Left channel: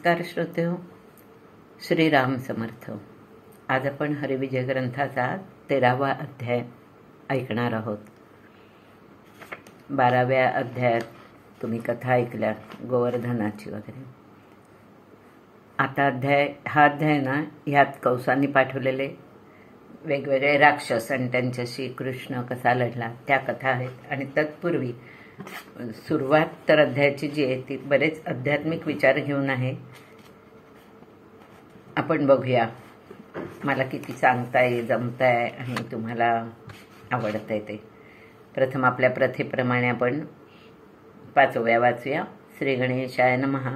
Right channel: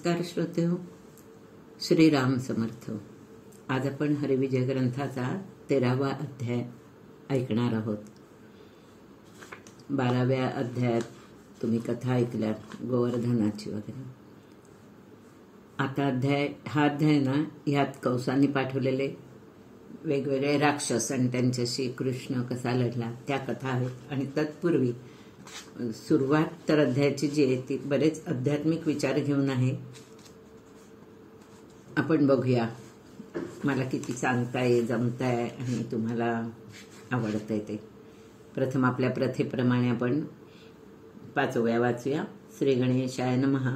नमस्कार श्रोतेहो, श्रीराम समर्थ। आज आपण हरिविजय ग्रंथाचा 13वा अध्याय ऐकणार आहोत। 12व्या अध्यायात तुम्ही कथा ऐकल्या गोवर्धनाची वगैरे। आता हा अध्याय ना, ह्यात कंसांनी पाठवलेले वेगवेगळे राक्षस आणि त्यांच्याशी कृष्ण कसा लढला त्या कथा आहेत। आणि तत्पूर्वी सुरुवात तर अध्यायाची जी आहे ती बरेच आध्यात्मिक विचार घेऊन आहे। आपण बघूया मला किती सांगताय, जमताय आणि तुम्हाला आवडतंय ते। प्रथम आपल्या प्रथेप्रमाणे आपण 5व्या वाचूया। श्री गणेशाय नमः।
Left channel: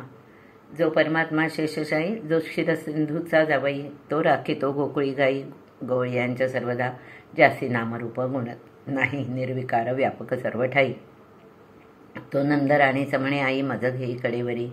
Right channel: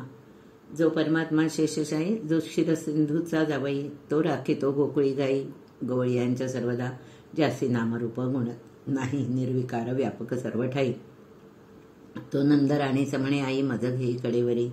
जो परमात्मा शेषशाही, जो क्षीरसिंधूचा जावई, तो राखितो गोकुळी गाई गवळ्यांच्या सर्वदा, ज्यासी नामरूप गुण नाही, निर्विकार व्यापक सर्व ठाई। तो नंदराणी समणे आई, मज घेई कडेवरी,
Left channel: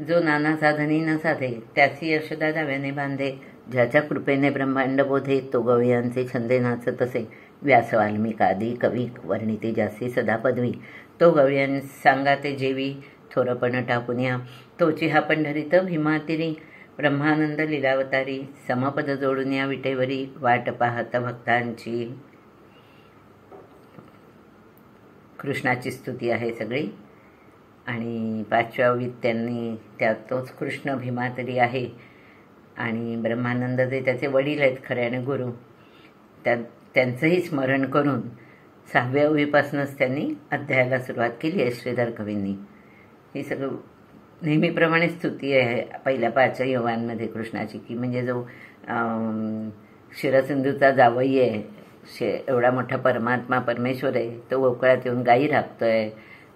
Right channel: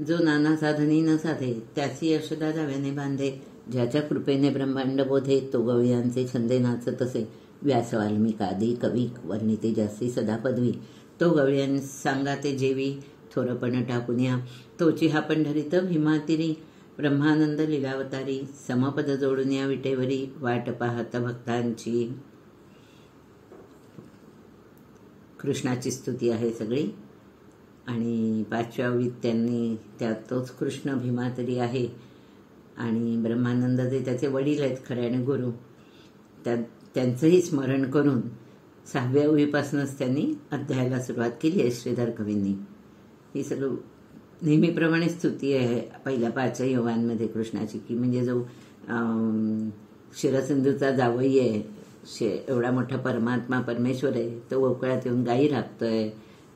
जो नाना साधनी न साधे, त्याची यशोदा जाव्याने बांधे, ज्याच्या कृपेने ब्रह्मांड बोधे, तो गवळ्यांचे छंदे नाच तसे, व्यास वाल्मिकादी कवी वर्णिते ज्यासी सदा पदवी, तो गवळ्यां सांगाते जेवी, थोरपण टाकुन्या, तोची हा पंढरीत भीमातिरी, ब्रह्मानंद लीलावतारी, समपद जोडून या विटेवरी, वाट पाहत भक्तांची। कृष्णाची स्तुती आहे सगळी। आणि 5व्या ओळीत त्यांनी तोच कृष्ण भीमातरी आहे आणि ब्रह्मानंद जे त्याचे वडील आहेत खऱ्याने गुरु, त्यांचंही स्मरण करून 6व्या ओळीपासूनच त्यांनी अध्यायाला सुरुवात केली आहे श्रीधर कवींनी। ही सगळं नेहमीप्रमाणे स्तुती आहे पहिल्या 5 योगांमध्ये कृष्णाची, की म्हणजे जो क्षीरसिंधूचा जावई आहे, एवढा मोठा परमात्मा परमेश्वर आहे, तो गोकुळात येऊन गायी राखतोय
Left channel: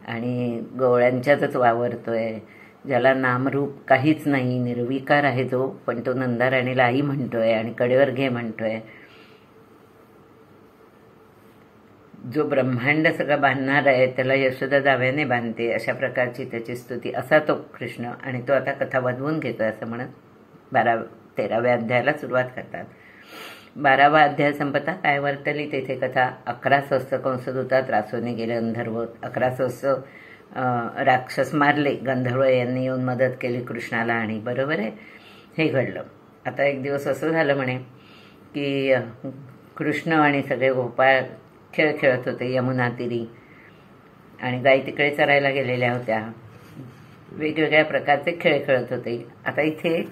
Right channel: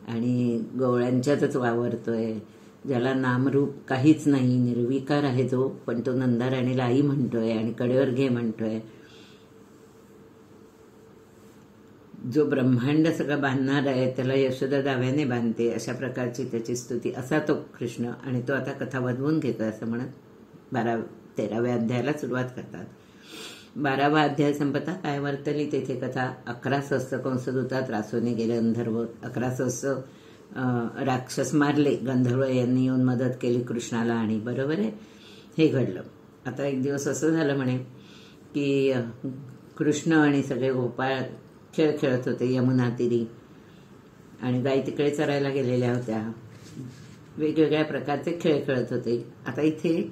आणि गवळ्यांच्यातच वावरतोय, ज्याला नामरूप काहीच नाही, निर्विकार आहे जो, पण तो नंदाराणीला आई म्हणतोय आणि कडेवर घे म्हणतोय, जो ब्रह्मांड सगळं बांधणार आहे त्याला यशोदा जाव्याने बांधते, अशा प्रकारची त्याची स्तुती, असा तो कृष्ण। आणि तो आता कथा वाजवून घेतोय असं म्हणत 13व्या अध्यायाला सुरुवात करतात। 12वा अध्याय संपता काय वर्तली तेथे कथा, 11 सहस्त्र कंसदूता त्रासूने गेले गंधर्व, 11 सहस्त्र राक्षस मारले, गंधर्व यांनी येऊन मदत केली कृष्णाला। आणि बरोबर आहे, हे घडलं। आता एक दिवस असं झालं म्हणे की कृष्ण आणि सगळे गोपाळ खेळ खेळत होते यमुना तीरी, आणि गाई तिकडे चरायला गेलेल्या होत्या, वेगवेगळ्या प्रकारचे खेळ खेळत होते। आता इथे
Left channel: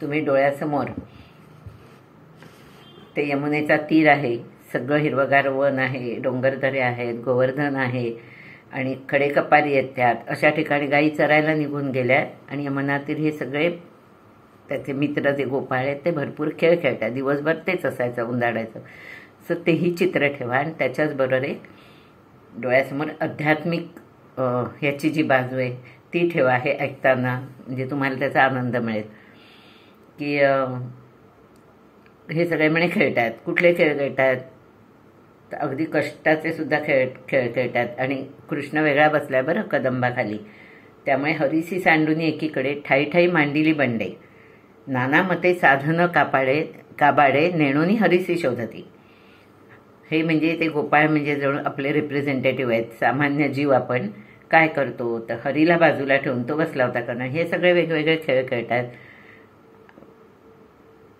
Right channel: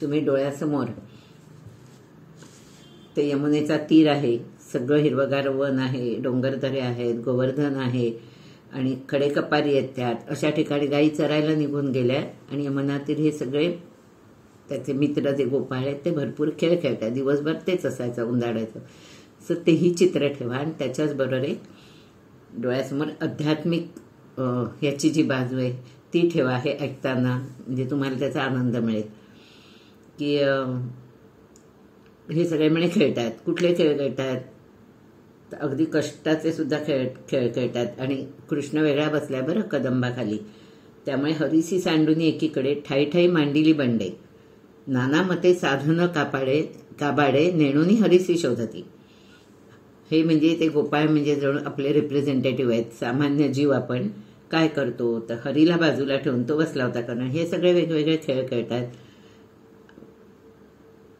तुम्ही डोळ्यासमोर ते यमुनेचा तीर आहे, सगळं हिरवगार वन आहे, डोंगरदरे आहेत, गोवर्धन आहे आणि खडे कपारी आहेत त्यात, अशा ठिकाणी गायी चरायला निघून गेल्या आणि यमुना तीर हे सगळे त्याचे मित्र जे गोपाळ आहेत ते भरपूर खेळ खेळतात, दिवसभर तेच असायचं उंदाडायचं। सो तेही चित्र ठेवा आणि त्याच्याच बरोबर एक डोळ्यासमोर आध्यात्मिक ह्याची जी बाजू आहे ती ठेवा, हे ऐकताना म्हणजे तुम्हाला त्याचा आनंद मिळेल। की हे सगळे म्हणे खेळतात, कुठले खेळ खेळतात, तर अगदी कष्टाचे सुद्धा खेळ खेळतात। आणि कृष्ण वेगळा बसलाय बरं कदंबाखाली, त्यामुळे हरीसी सांडूनी एकीकडे, ठाई ठाई मांडिली बंडे, नाना मते साधन काबाडे, नेणोनी हरीसी शोधती। हे म्हणजे ते गोपाळ म्हणजे जणू आपले रिप्रेझेंटेटिव्ह आहेत, सामान्य जीव आपण काय करतो तर हरीला बाजूला ठेवून तो बसला होता करणं, हे सगळे वेगवेगळे खेळ खेळतात।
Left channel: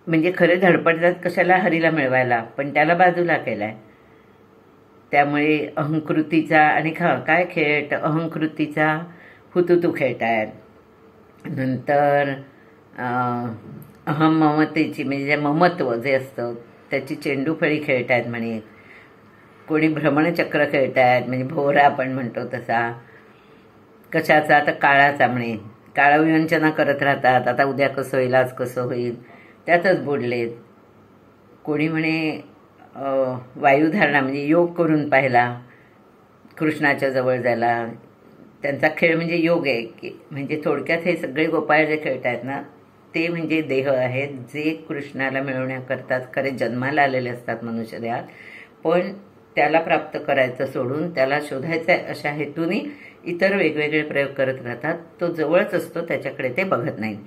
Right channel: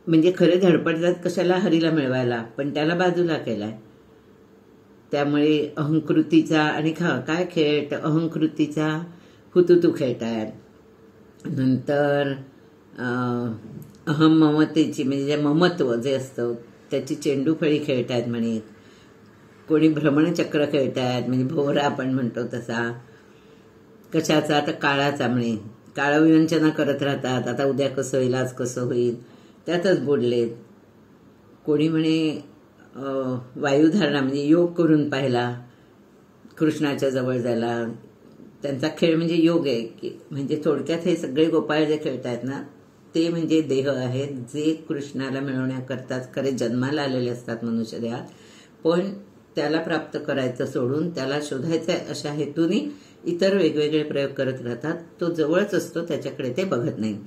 म्हणजे खरे धडपडतात कशाला, हरीला मिळवायला, पण त्याला बाजूला केलाय। त्यामुळे अहंकृतीचा आणि काय खेळ तर अहंकृतीचा हुतुतू खेळतात। नंतर अहम ममतेची म्हणजे ममत्व जे असतं त्याची चेंडूफळी खेळतात म्हणे, कोणी भ्रमणचक्र खेळतात म्हणजे भोवरा आपण म्हणतो तसा, कशाचा तर काळाचा म्हणे, काळविवंचना करत राहतात, आता उद्या कसं होईल, आज कसं होईल, त्यातच बुडलेत। कोणी म्हणे वायुधारणा म्हणजे योग करून पाहिला कृष्णाच्या जवळ जायला, त्यांचा खेळ म्हणजे योग आहे, की म्हणजे थोडक्यात हे सगळे गोपाळ जे खेळतात ना ते म्हणजे देह आहेत जे कृष्णाला मिळवण्याकरताच खरे जन्माला आलेले असतात मनुष्य देहात, पण त्याला प्राप्त करायचं सोडून त्याला शोधायचं आहे अशा हेतूने इतर वेगवेगळे प्रयोग करत राहतात। तो जवळच असतो, त्याच्याकडे ते बघत नाही।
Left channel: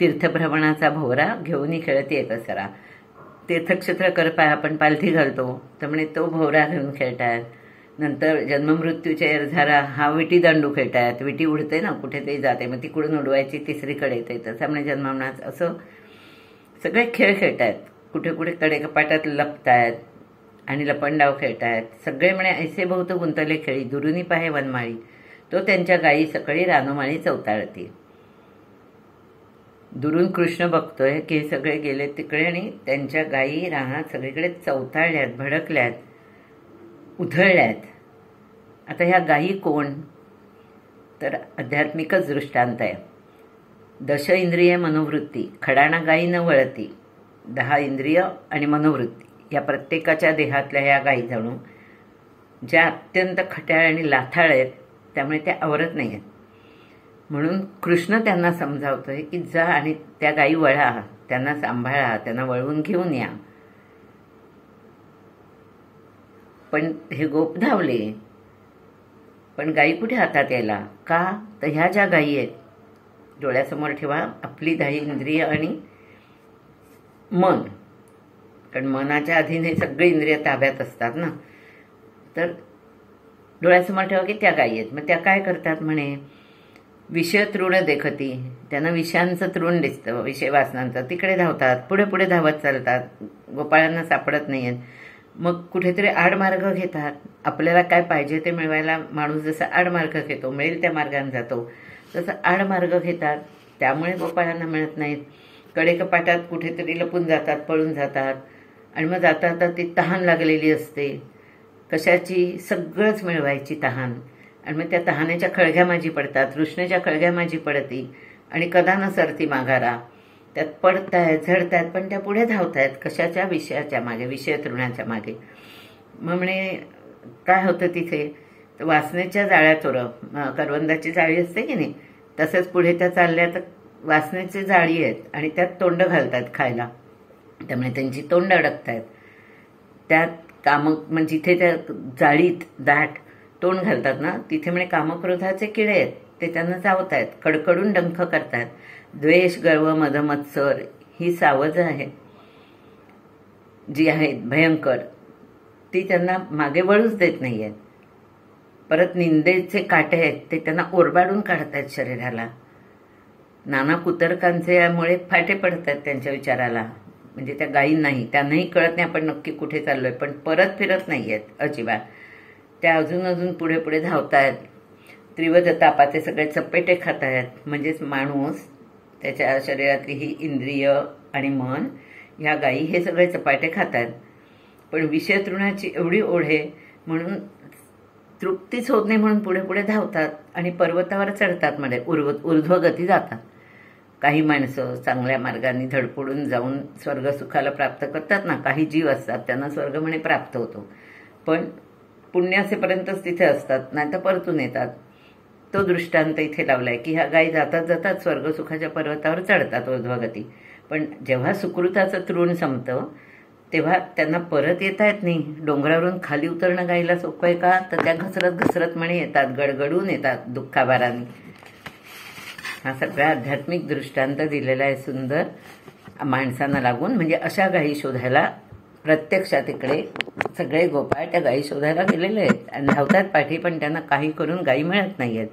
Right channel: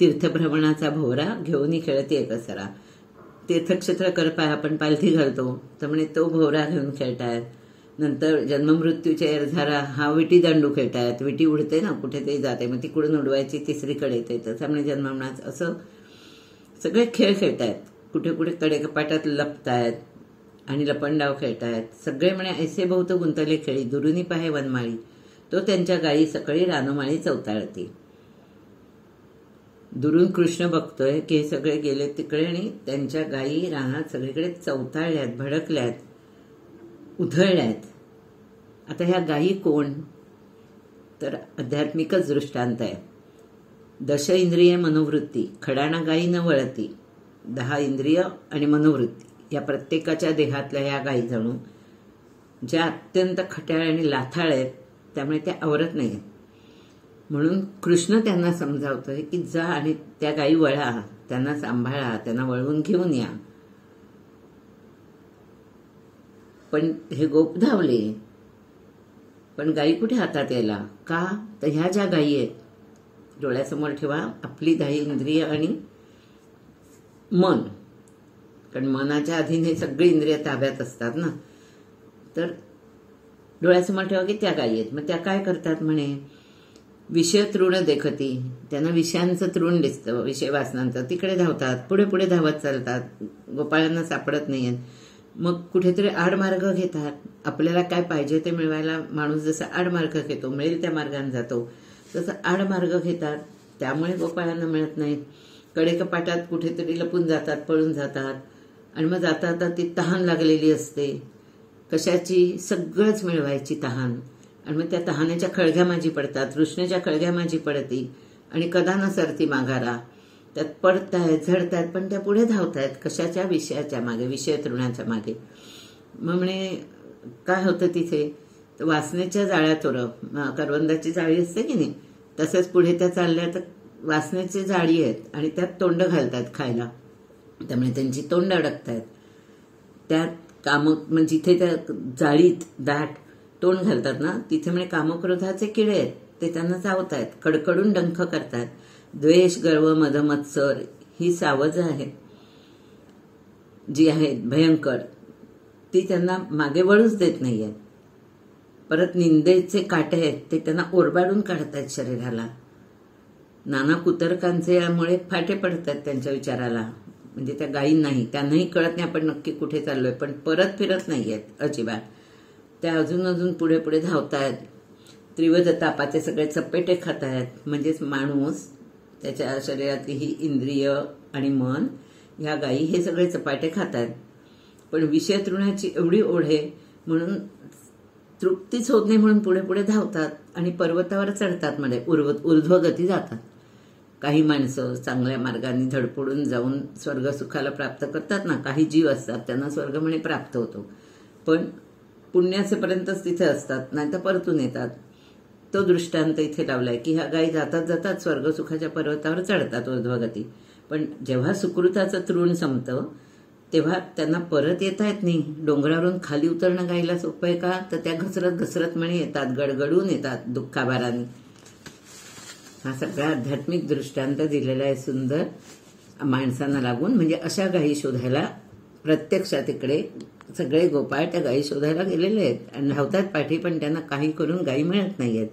तीर्थभ्रमणाचा भोवरा घेऊनही खेळते कसरा, तीर्थक्षेत्र कर पाय आपण पालथी घालतो तर म्हणे तो भोवरा घेऊन खेळतात। नंतर जन्ममृत्यूच्या एरझारा हा विटी दांडू खेळतायत, विटी उडते ना कुठेतरी जाते मग तिकडून उडवायची तिसरीकडे येते, त्याच्यामुळे जन्ममरणाच असं सगळे खेळ खेळतायत. कुठे कुठे कडेकपाटात लपतायत आणि लपंडाव खेळतायत. सगळे म्हणे ऐसे बहुत गुंतले खेळी, दुरुनी पाहे वनमाळी, तो त्यांच्या गायी सकाळी रानोमाळी चवताळती. दुरून कृष्ण बघतोय की हे सगळे गेले तिकडे आणि त्यांच्या गायी रानात सगळीकडे चवताळल्यात, भडकल्यात, उधळल्यात. आता ह्या गायी कोण? तर आध्यात्मिकच दृष्टांत आहे. 10 इंद्रिय मनोवृत्ती, खडाणा गायी न वळती. 10 इंद्रिय आणि मनोवृत्ती या प्रत्येकाच्या देहातल्या ह्या गायी जणू ज्या अत्यंत खट्याळ आणि लाथाळ आहेत, त्यामुळे त्या आवरत नाही आहेत. म्हणून कृष्ण त्यांना समजावतोय की जा आणि त्या गायी वळा, त्यांना सांभाळा, त्यांना वळवून घेऊन या. पण हे गोप धावले, पण गायी कुठे हातात यायला? का तर ह्या ज्या गायी आहेत, डोळ्यासमोर ठेवा आपली 10 इंद्रिय आणि मन, कारण मनाच्या अधीन हे सगळे इंद्रिय ताब्यात असतात ना. तर डोळ्यासमोर ठेवा की त्या गायी आहेत. मग त्या काय करतात म्हणे, विषय तृण देखती, त्यांना विषयांचं तृण दिसतं, विषय वासनांचं, तिकडे धावतात, पुढे पुढे धावत चालतात, गोपाळांना सापडत नाहीयेत. मग कुठेतरी आडमार्ग घेतात. आपल्याला काय पाहिजे ते मिळवायला माणूस जसा आडमार्ग घेतो, मिळेल त्या मार्गाने जातो, तसं आडमार्ग घेतात, त्यामुळे गोपाळांना मिळत नाहीत. कडेकपाटात कुठेतरी लपून जातात, पळून जातात आणि मग जाता जाता ती तहान लागलेली असते, कशाची? सगळंच मिळवायची तहान. आणि मग त्या तहानेच्या खळग्या माझी पडतात, तृष्णेच्या खळग्या माझी पडती आणि कदा न सरती माघारा. त्यात पडतायत, झडतायत, पण त्या पुढे धावतायत. कशाच्या? विषयाच्या मागे, विषय तृणाच्या मागे. मग म्हणे काय होतं तिथे? तर वासनेच्या जाळ्या करवंदाची जाळी असते की नाही, तसंच पुढे त्या चालल्या तर वासनेची जाळी आहेत आणि त्यात तोंड घालतात खायला, त्यामुळे त्यांची तोंड अडकतायत. त्यात म्हणजे जिथे त्या जाळीत दाट तोंड घालतात ना, तिथे म्हणे कामक्रोधाचे किडे आहेत, ते त्यांना चावतायत, कडकडून डंख करतायत. द्वेष, गर्व, मद, मत्सर ही सावज आहे जी आहेत भयंकर, ती त्यांना मागे वळूच देत नाहीयेत. परत निंदेचे काटे आहेत ते त्यांना ओरबाडून काढतायत शरीराला. नाना कुतर्कांच्यामुळे फाटे पडतात त्यांच्या विचाराला, म्हणजे त्या गायींनाही, त्यांनाही कळत नाही आपण नक्की कुठे चाललोय, पण परत फिरत नाहीयेत अजिबात. त्या अजून पुढे पुढे धावतायत. त्रिवध तापाचे सगळे चपेटे खात आहेत, म्हणजेच माणूस, त्याच्या शरीरातली ही इंद्रिय आणि मन, ह्या गायी हे सगळे चपाटे खात आहेत. पण विषय तृणाची एवढी ओढ आहे म्हणून तृप्तीच होत नाही, म्हणून पुढे पुढे धावतात आणि पर्वतावर चढतात, म्हणजे ऊर्ध्वगती जातात. काही माणसं चांगल्या मार्गाने धडपडून जाऊन स्वर्गसुखाला प्राप्त करतात ना, काही जीव असतात त्यांना स्वर्ग म्हणे प्राप्त होतो, पण पुण्यासेपर्यंतच तिथे असतात, नाही तर परतून येतात. तो दृष्टांत इथे लावलाय की ह्या गायी जातात जातात स्वर्गसुखाच्या पर्वतावर चढतात ऊर्ध्वगती, पण जेव्हा सुकृताचं तृण संपतं तेव्हा त्यांना परत येता येत नाही. डोंगरावरून खाली उतरणं गायीला सोपं आहे का? तर त्या घसरत घसरत म्हणे येतात, गडगडून येतात दुःखाभाराने. हा सगळा आध्यात्मिक दृष्टांत दिलेला आहे सुंदर माणसांना लागून. म्हणजे अशा गायी शोधायला प्रत्यक्षात इकडे सगळे गोपाळ त्या गायी शोधायला गेलेले आहेत आणि धावतात पाठी, पण त्यांना काही करून गायी मिळत नाहीयेत.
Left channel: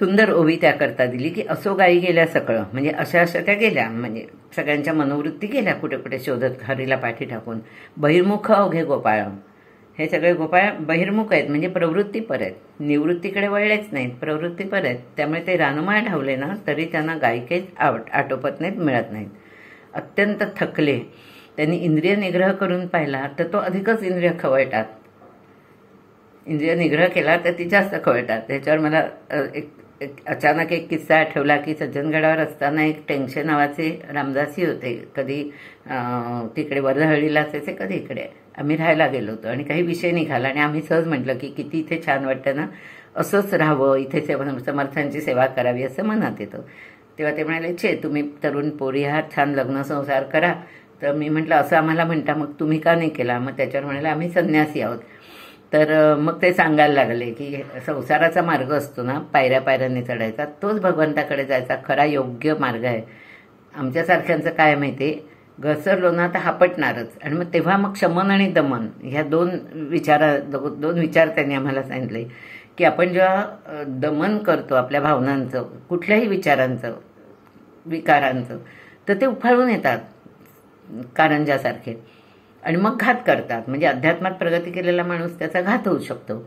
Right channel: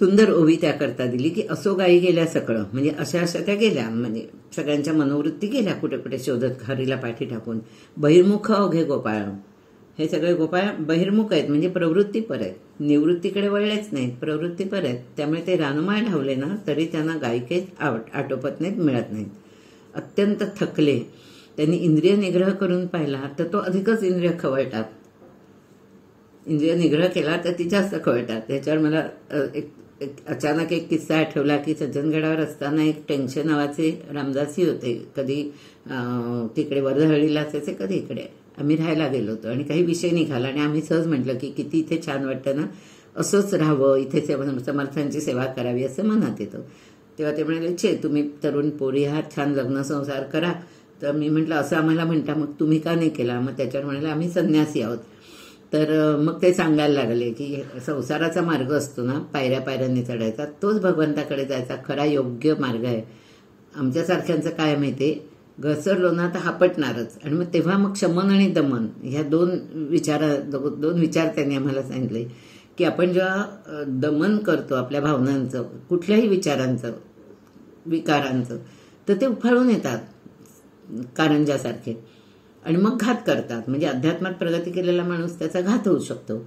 सुंदर ओवी त्याकरता दिली की असो गायी गेल्या सगळं, म्हणजे अशा त्या गेल्या, म्हणजे सगळ्यांच्या मनोवृत्ती गेल्या कुठे कुठे शोधत हरीला पाठी टाकून. बहिर्मुख अवघे गोपाळ, हे सगळे गोपाळ बहिर्मुख आहेत, म्हणजे प्रवृत्तीपर आहेत, निवृत्तीकडे वळलेच नाहीत, प्रवृत्तीपर आहेत. त्यामुळे ते रानमाळ धावले ना तरी त्यांना गायी काही आटोपत नाहीत, मिळत नाहीत. अत्यंत थकले. त्यांनी इंद्रिय निग्रह करून पाहिला तर तो अधिकच इंद्रिय खवळतात. इंद्रिय निग्रह केला तर ती जास्त खवळतात. त्याच्यावर मला अचानक एक किस्सा आठवला की सज्जनगडावर असताना एक टेंगशे नावाचे रामदासी होते. कधी तिकडे वर्धहळ्ळीला असायचे, कधी इकडे. आम्ही राहायला गेलो होतो आणि काही विषय निघाला आणि आम्ही सहज म्हटलं की किती इथे छान वाटतं ना, असंच राहावं, इथे समर्थांची सेवा करावी असं मनात येतं. तेव्हा ते म्हणाले, तुम्ही तरुण पोरी आहात, छान लग्न संसार करा. तर मी म्हटलं असं आम्हाला म्हणता, मग तुम्ही का नाही केला? मग त्याच्यावर म्हणाले आम्ही संन्यासी आहोत. तर मग ते सांगायला लागले की संसाराचा मार्ग असतो ना, पायऱ्या पायऱ्यांनी चढायचा, तोच भगवंताकडे जायचा खरा योग्य मार्ग आहे. आमच्यासारख्यांचं काय माहिती, घसरलो ना तर हापटणारच. आणि मग तेव्हा मग शमन आणि दमन ह्या दोन विचार त्यांनी आम्हाला सांगितले की आपण जेव्हा दमन करतो आपल्या भावनांचं, कुठल्याही विचारांचं, विकारांचं, तर ते उफाळून येतात कारंजासारखे आणि मग घात करतात. म्हणजे अध्यात्मात प्रगती केलेला माणूस त्याचा घात होऊ शकतो.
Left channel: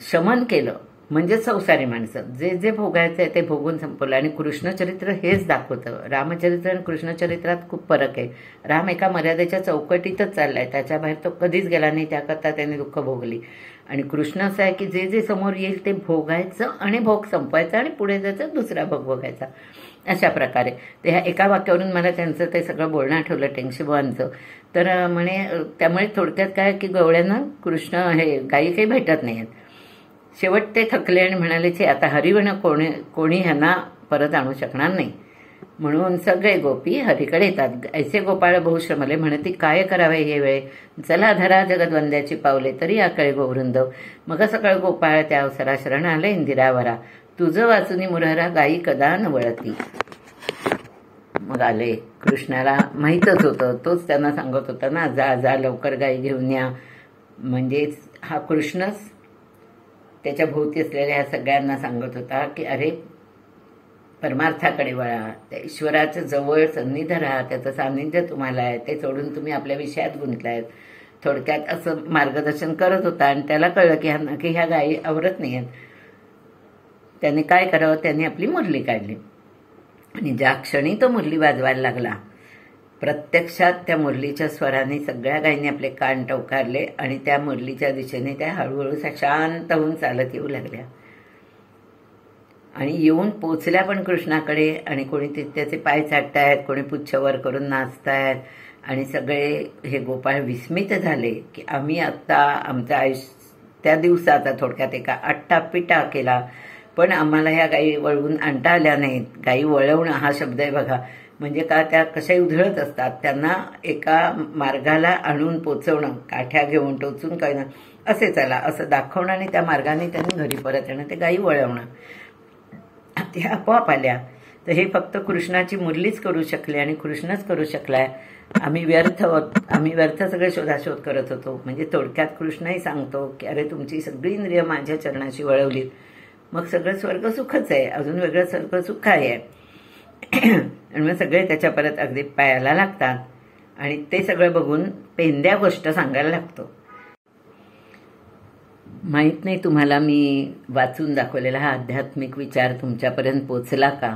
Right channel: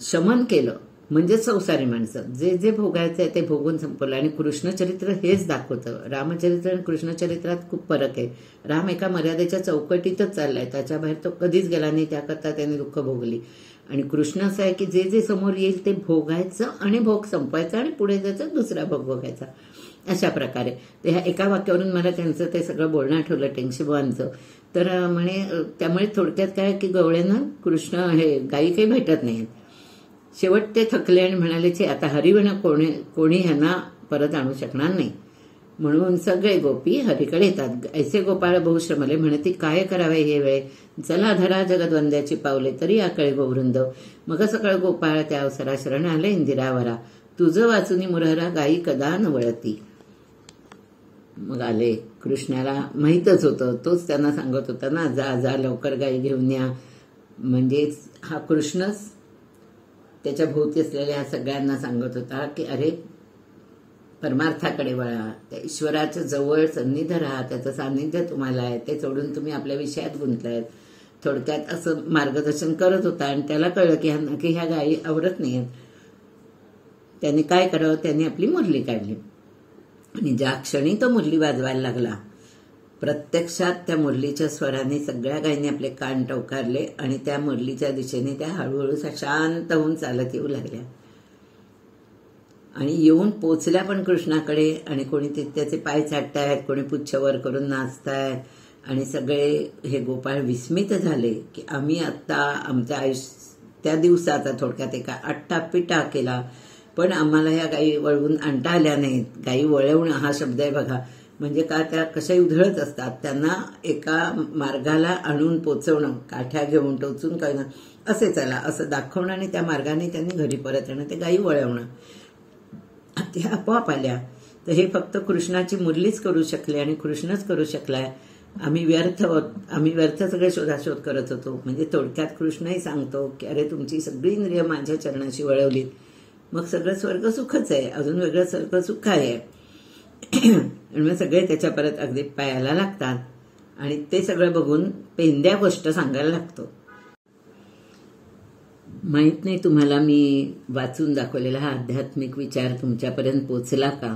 शमन केलं म्हणजे संसारी माणसं जे जे भोगायचं आहे ते भोगून संपवलं. आणि कृष्णचरित्र हेच दाखवतं. रामचरित्र आणि कृष्णचरित्रात खूप फरक आहे. राम एका मर्यादेच्या चौकटीतच चाललाय, त्याच्या बाहेर तो कधीच गेला नाही, त्याकरता त्याने दुःख भोगली. आणि कृष्ण असं आहे की जे जे समोर येईल ते भोगायचं आणि भोग संपवायचा आणि पुढे जायचं, दुसरा भोग भोगायचा, अशा प्रकारे. तर ह्या एका वाक्यावरून मला त्यांचं ते सगळं बोलणं आठवलं टेंगशीबुवांचं. तर म्हणे त्यामुळे थोडक्यात काय की गवळ्यांना कृष्ण हे गायी काही भेटत नाहीत. शेवट ते थकले आणि म्हणाले की आता हरिवण कोणी ह्यांना परत आणू शकणार नाही, म्हणून सगळे गोपी हरीकडे येतात. ऐसे गोपाळ बहुश्रमले म्हणती काय करावे हे वेळ, चला धरा जगदवंद्याची पावले तरी आकळे गोवृंद. मग सगळं गोपाळ त्या अवसरा शरण आले इंदिरावरा, तुझं वाचुनी मुरहरा गायी कदा न वळती. मग आले. कृष्णाला माहीतच होतं, तोच त्यांना सांगत होता ना, जा जा लवकर गायी घेऊन या. म्हणजेच हा कृष्णच त्याच्या भोवती असलेल्या ह्या सगळ्यांना सांगत होता की अरे परमार्थाकडे वळा, त्या ईश्वराच्या जवळ सन्निध राहा, त्याचं सान्निध्य तुम्हाला आहे, ते सोडून तुम्ही आपल्या विषयात गुंतलायत. थोडक्यात असं मार्गदर्शन करत होता. आणि त्याला कळलं की ह्या गायी आवरत नाही आहेत. त्याने काय करावं, त्याने आपली मुरली काढली. आणि ज्या क्षणी तो मुरली वाजवायला लागला, प्रत्यक्षात त्या मुरलीच्या स्वराने सगळ्या गायींनी आपले कान टवकारले आणि त्या मुरलीच्या दिशेने त्या हळूहळू शांत होऊन चालत येऊ लागल्या. आणि येऊन पोचल्या पण कृष्णाकडे. आणि कोणी त्याचे पाय चाटतायत, कोणी पुच्छवर करून नाचतायत. आणि सगळे हे गोपाळ विस्मित झाले की आम्ही आत्ता आमच्या त्या दिवसाचा थोडक्यात एका आट्टापिटा केला, पण आम्हाला ह्या गायी वळवून आणता आल्या नाहीत. गायी वळवणं हा शब्द आहे बघा, म्हणजे का त्या कशाही उधळत असतात, त्यांना एका मार्गाला आणून पोचवणं, काठ्या घेऊन टोचून कळणं, असे चला असं दाखवणं आणि त्या मार्गाने त्यांनी घरी परत येणं, ते गायी वळवणं, ते आपोआप आल्या. तर हे फक्त कृष्णाची मुरलीच करू शकले आणि कृष्णच करू शकलाय. आम्ही व्यर्थ सगळे शोधाशोध करत होतो. म्हणजे थोडक्यात कृष्णही सांगतो की अरे तुमची सगळी इंद्रिय माझ्या चरणाशी वळवलीत, मग सगळं स्वर्ग सुखच आहे, अजून वेगळं स्वर्ग सुख आहे. आणि मग सगळे त्याच्या परत अगदी पायाला लागतात. आणि ते सगळं बघून पेंद्या गोष्ट सांगायला लागतो. माहित नाही तुम्हाला मी वाचून दाखवलेला हा आध्यात्मिक विचार तुमच्यापर्यंत पोचला का,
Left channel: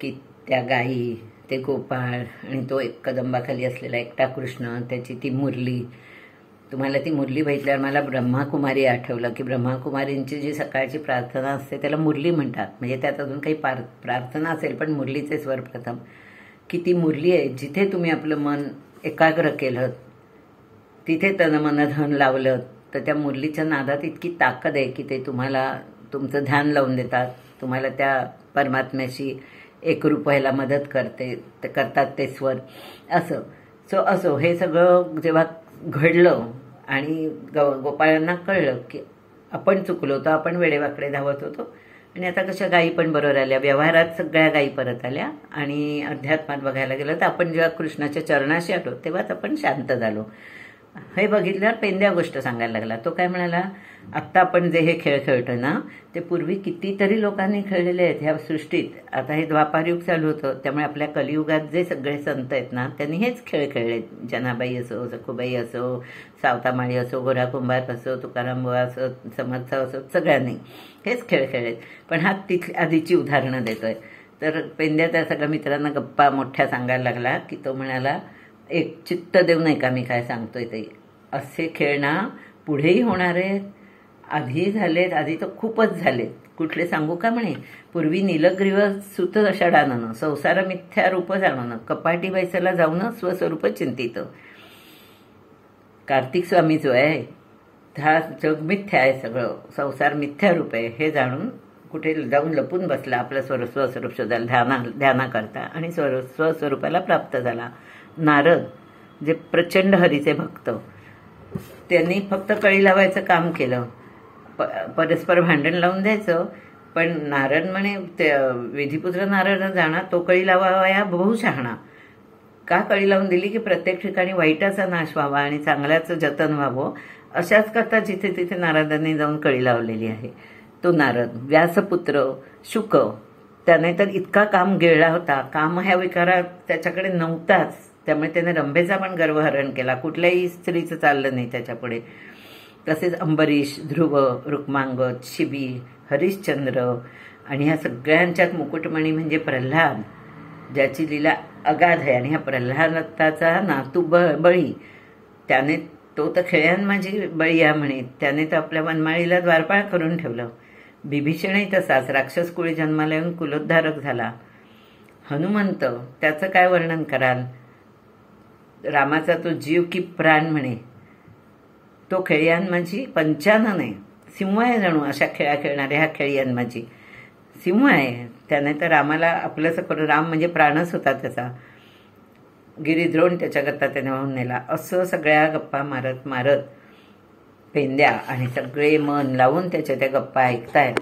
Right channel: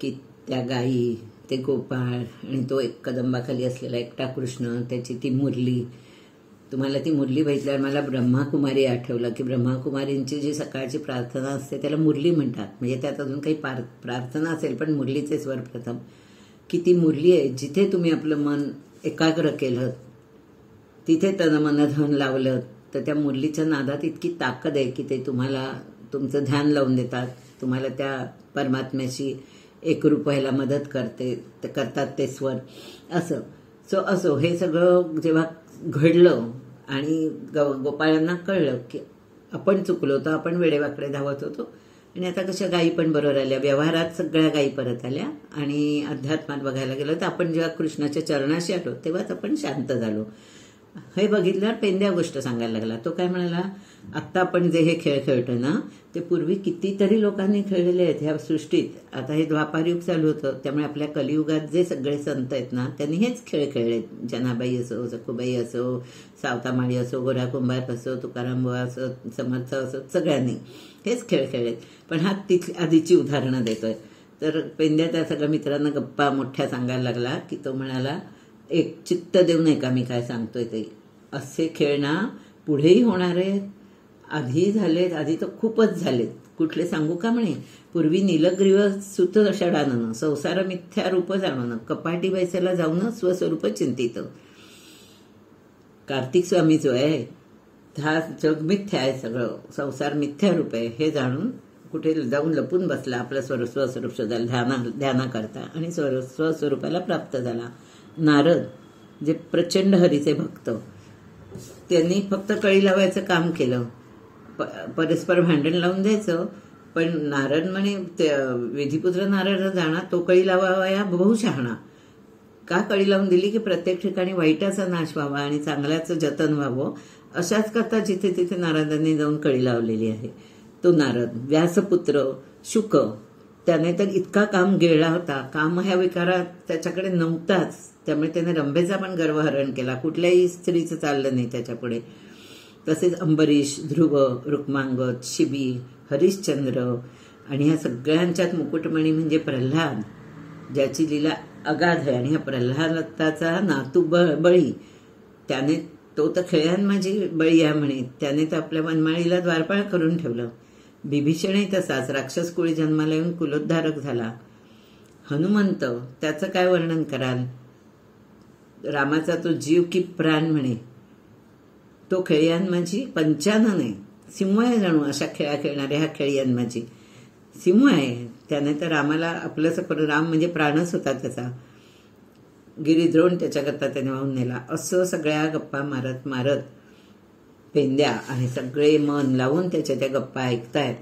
की त्या गायी, ते गोपाळ आणि तो एक कदंबाखाली असलेला एकटा कृष्ण, त्याची ती मुरली. तुम्हाला ती मुरली बघितल्यावर मला ब्रह्माकुमारी आठवलं की ब्रह्माकुमारींची जी सकाळची प्रार्थना असते त्याला मुरली म्हणतात. म्हणजे त्यात अजून काही प्रार्थना असेल पण मुरलीचे स्वर प्रथम, की ती मुरली आहे जिथे तुम्ही आपलं मन एकाग्र केलं, तिथे तन मन धन लावलं, तर त्या मुरलीच्या नादात इतकी ताकद आहे की ते तुम्हाला तुमचं ध्यान लावून देतात, तुम्हाला त्या परमात्म्याशी एकरूप व्हायला मदत करतात ते स्वर. असो हे सगळं जेव्हा घडलं आणि गोपाळांना कळलं की आपण चुकलो होतो, आपण वेडेवाकडे धावत होतो आणि आता कशा गायी पण बरोबर आल्या, व्यवहारात सगळ्या गायी परत आल्या. आणि अध्यात्मात बघायला गेलं तर आपण जेव्हा कृष्णाच्या चरणाशी आलो तेव्हाच आपण शांत झालो. हे बघितल्यावर पेंद्या गोष्ट सांगायला लागला. तो काय म्हणाला, आत्ता आपण जे हे खेळ खेळतो ना ते पूर्वी कितीतरी लोकांनी खेळलेले आहेत ह्या सृष्टीत. आता हे द्वापारयुग चालू होतं, त्यामुळे आपल्या कलियुगात जे सगळे संत आहेत ना त्यांनी हेच खेळ खेळलेत. जनाबाई असो, सखुबाई असो, सावतामाळी असो, गोरा कुंभार असो, तुकाराम बुवा असो, समर्थ असो, सगळ्यांनी हेच खेळ खेळलेत. पण हा आधीची उदाहरणं देतोय. तर पेंद्या त्या सगळ्या मित्रांना गप्पा मोठ्या सांगायला लागला की तो म्हणाला, एक चित्त देऊ नये का मी काय सांगतोय ते, असे खेळ ना पुढेही होणार आहेत, आधी झालेत, आधी तर खूपच झालेत. कुठले सांगू का म्हणे, पूर्वी नीलग्रीव सुत षडानन, संसार मिथ्या रूप जाणून, कपाटी बैसाला जाऊन स्वस्वरूप चिंतित. कार्तिक स्वामी जो आहे हा जग मिथ्या आहे, सगळं संसार मिथ्या रूप आहे हे जाणून कुठे जाऊन लपून बसला, आपलं स्वस्वरूप शोधायला ध्याना करता आणि स्वस्वरूपाला प्राप्त झाला. नारद जे प्रचंड हरीचे भक्त, त्यांनी फक्त कळी लावायचं काम केलं, परस्पर भांडण लावून द्यायचं. पण नारद म्हणे विधिपुत्र नारद जाणा, तो कळी लावाया बहु शहाणा. का कळी लावून दिली की प्रत्येक ठिकाणी वाईटाचा नाश व्हावा आणि चांगल्याचं जतन व्हावं, अशाच करता जिथे तिथे नारदांनी जाऊन कळी लावलेली आहे. तो नारद व्यासपुत्र शुक, त्याने तर इतका काम गिळला होता, काम ह्या विकारात त्याच्याकडे नव्हताच, त्यामुळे त्याने रंभेचा पण गर्वहरण केला, कुठल्याही स्त्रीचं चाललं नाही त्याच्यापुढे. तसेच अंबरीश, ध्रुव, रुक्मांगद, शिबी, हरिश्चंद्र आणि ह्या सगळ्यांच्यात मुकुटमणी म्हणजे प्रल्हाद, ज्याची लीला अगाध आहे. आणि ह्या प्रल्हादाचा नातू बळी, त्याने तो तर खेळ्यांमाझी बळी या म्हणे, त्याने तर आपल्या वनमाळीला द्वारपाळ करून ठेवलं. बिभीषणही तसाच राक्षस कुळी जन्माला येऊन कुलोद्धारक झाला. हनुमंत, त्याचं काय वर्णन कराल, रामाचा तो जीव की प्राण म्हणे, तो खेळ्यांमाझी पंचानन आहे, सिंह आहे जणू अशा खेळा खेळणाऱ्या ह्या खेळ्यांमाझी सिंह आहे. त्याने तर रामाला आपलंसं करून, राम म्हणजे प्राणच होता त्याचा, गिरिद्रोण त्याच्याकरता त्याने वाहून नेला. असं सगळ्या गप्पा मारत मारत पेंद्या आणि सगळे मन लावून त्याच्या त्या गप्पा ऐकतायत.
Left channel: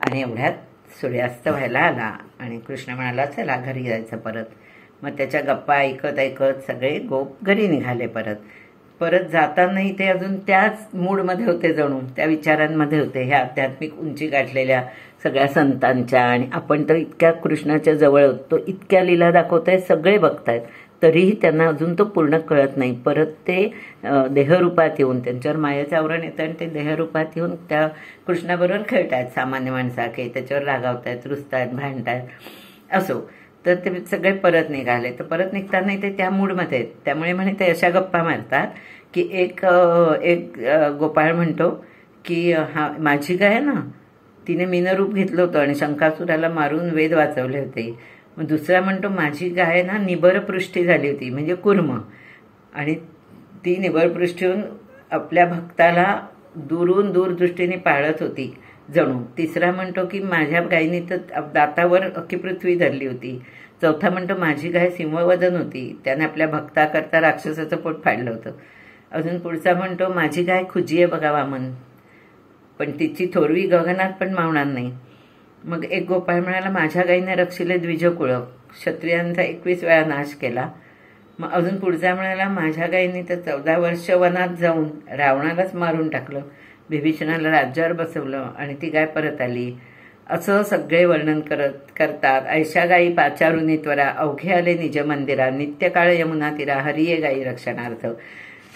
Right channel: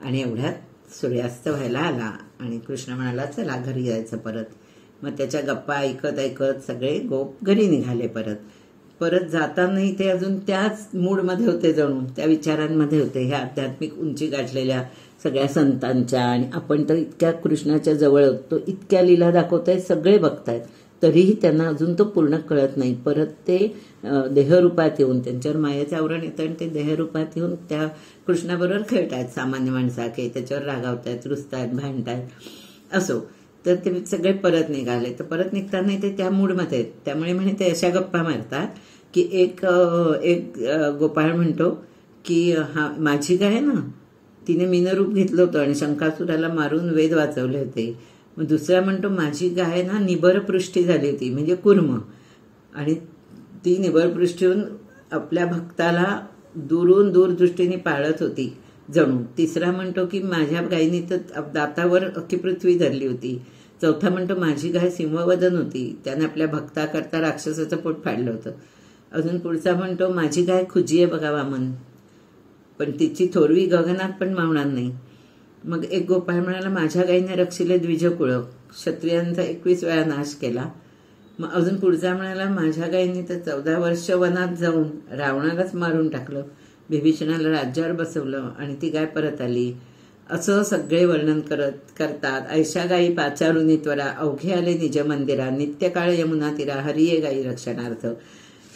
आणि एवढ्यात सूर्यास्त व्हायला आला आणि कृष्ण म्हणाला चला घरी जायचं परत. मग त्याच्या गप्पा ऐकत ऐकत सगळे गोप घरी निघाले. परत जातानाही ते अजून त्याच मूडमध्ये होते, जणू त्या विचारांमध्ये होते, ह्या आध्यात्मिक उंची गाठलेल्या सगळ्या संतांच्या. आणि आपण तर इतक्या कृष्णाच्या जवळ होतो, इतक्या लीला दाखवतायत, सगळे बघतायत, तरीही त्यांना अजून तो पूर्ण कळत नाही. परत ते देहरूपात येऊन, त्यांच्यावर मायेचं आवरण येतं आणि ते देहरूपात येऊन त्या कृष्णाबरोबर खेळतायत सामान्य माणसाके, त्याच्यावर रागावतायत, रुसतायत, भांडतायत. असो, तर ते सगळे परत निघाले. तर परत निघताना ते त्या मूडमध्ये आहेत, त्यामुळे म्हणे ते अशा गप्पा मारतात की एक गोपाळ म्हणतो की हा माझी गाय ना, तिने मीनरूप घेतलं होतं आणि शंकासुराला मारून वेद वाचवले होते. मग दुसरा म्हणतो माझी गाय ना निबरपृष्ठी झाली होती, म्हणजे कुर्म, आणि ती निबरपृष्ठीहून आपल्या भक्ताला दुरून दूरदृष्टीने पाळत होती जणू. तिसरा म्हणतो की माझ्या गायीने तर दातावर अख्खी पृथ्वी धरली होती. चौथा म्हणतो माझी गाय सिंहवदन होती, त्याने आपल्या भक्ताकरता राक्षसाचं पोट फाडलं होतं. अजून पुढचा म्हणतो माझी गाय खुजी आहे बघा वामन, पण तिची थोरवी गगनात पण मावणार नाही. मग एक गोपाळ म्हणाला माझ्या गाईने रक्षिले द्विजकुळ, क्षत्रियांचा 21 वेळा नाश केला. मग अजून पुढचा म्हणाला माझ्या गाईने तर 14 वर्ष वनात जाऊन रावणालाच मारून टाकलं, बिभीषणाला राज्यावर बसवलं आणि ती गाय परत आली. असं सगळे वर्णन करतात. ऐशा गायी पाचारुनी त्वरा, अवघे आले निज मंदिरा, नित्यकाळ यमुना तिरा, हरिये गायी रक्षणार्थ.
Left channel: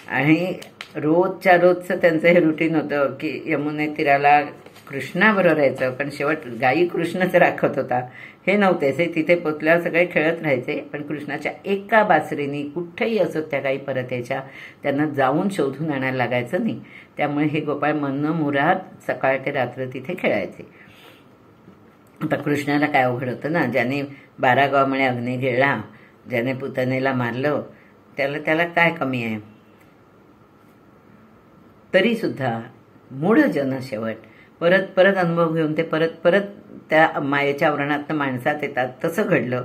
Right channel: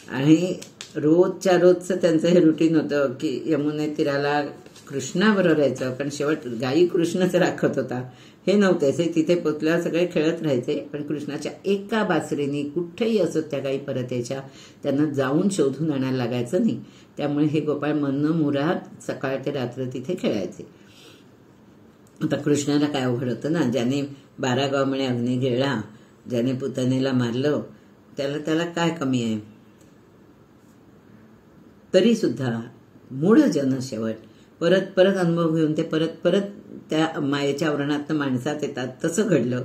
आणि रोजच्या रोजचं त्यांचं हे रुटीन होतं की यमुने तीराला कृष्णाबरोबर यायचं, पण शेवट गायी कृष्णच राखत होता हे नव्हतेच. हे तिथे पोचल्यावर सगळे खेळत राहायचे, पण कृष्णाच्या एका बासरीने कुठेही असत त्या गायी परत यायच्या, त्यांना जाऊन शोधून आणायला लागायचं नाही. त्यामुळे हे गोपाळ मनमुराद सकाळ ते रात्र तिथे खेळायचे. आता कृष्णाला काय अवघड होतं ना, ज्याने 12 गाव म्हणे अग्नी गिळला, ज्याने पुतनेला मारलं, त्याला काय कमी आहे. तरी सुद्धा मूढ जन शेवट परत परत अनुभव घेऊन ते परत त्या मायेच्या आवरणात माणसात येतात. तसं घडलं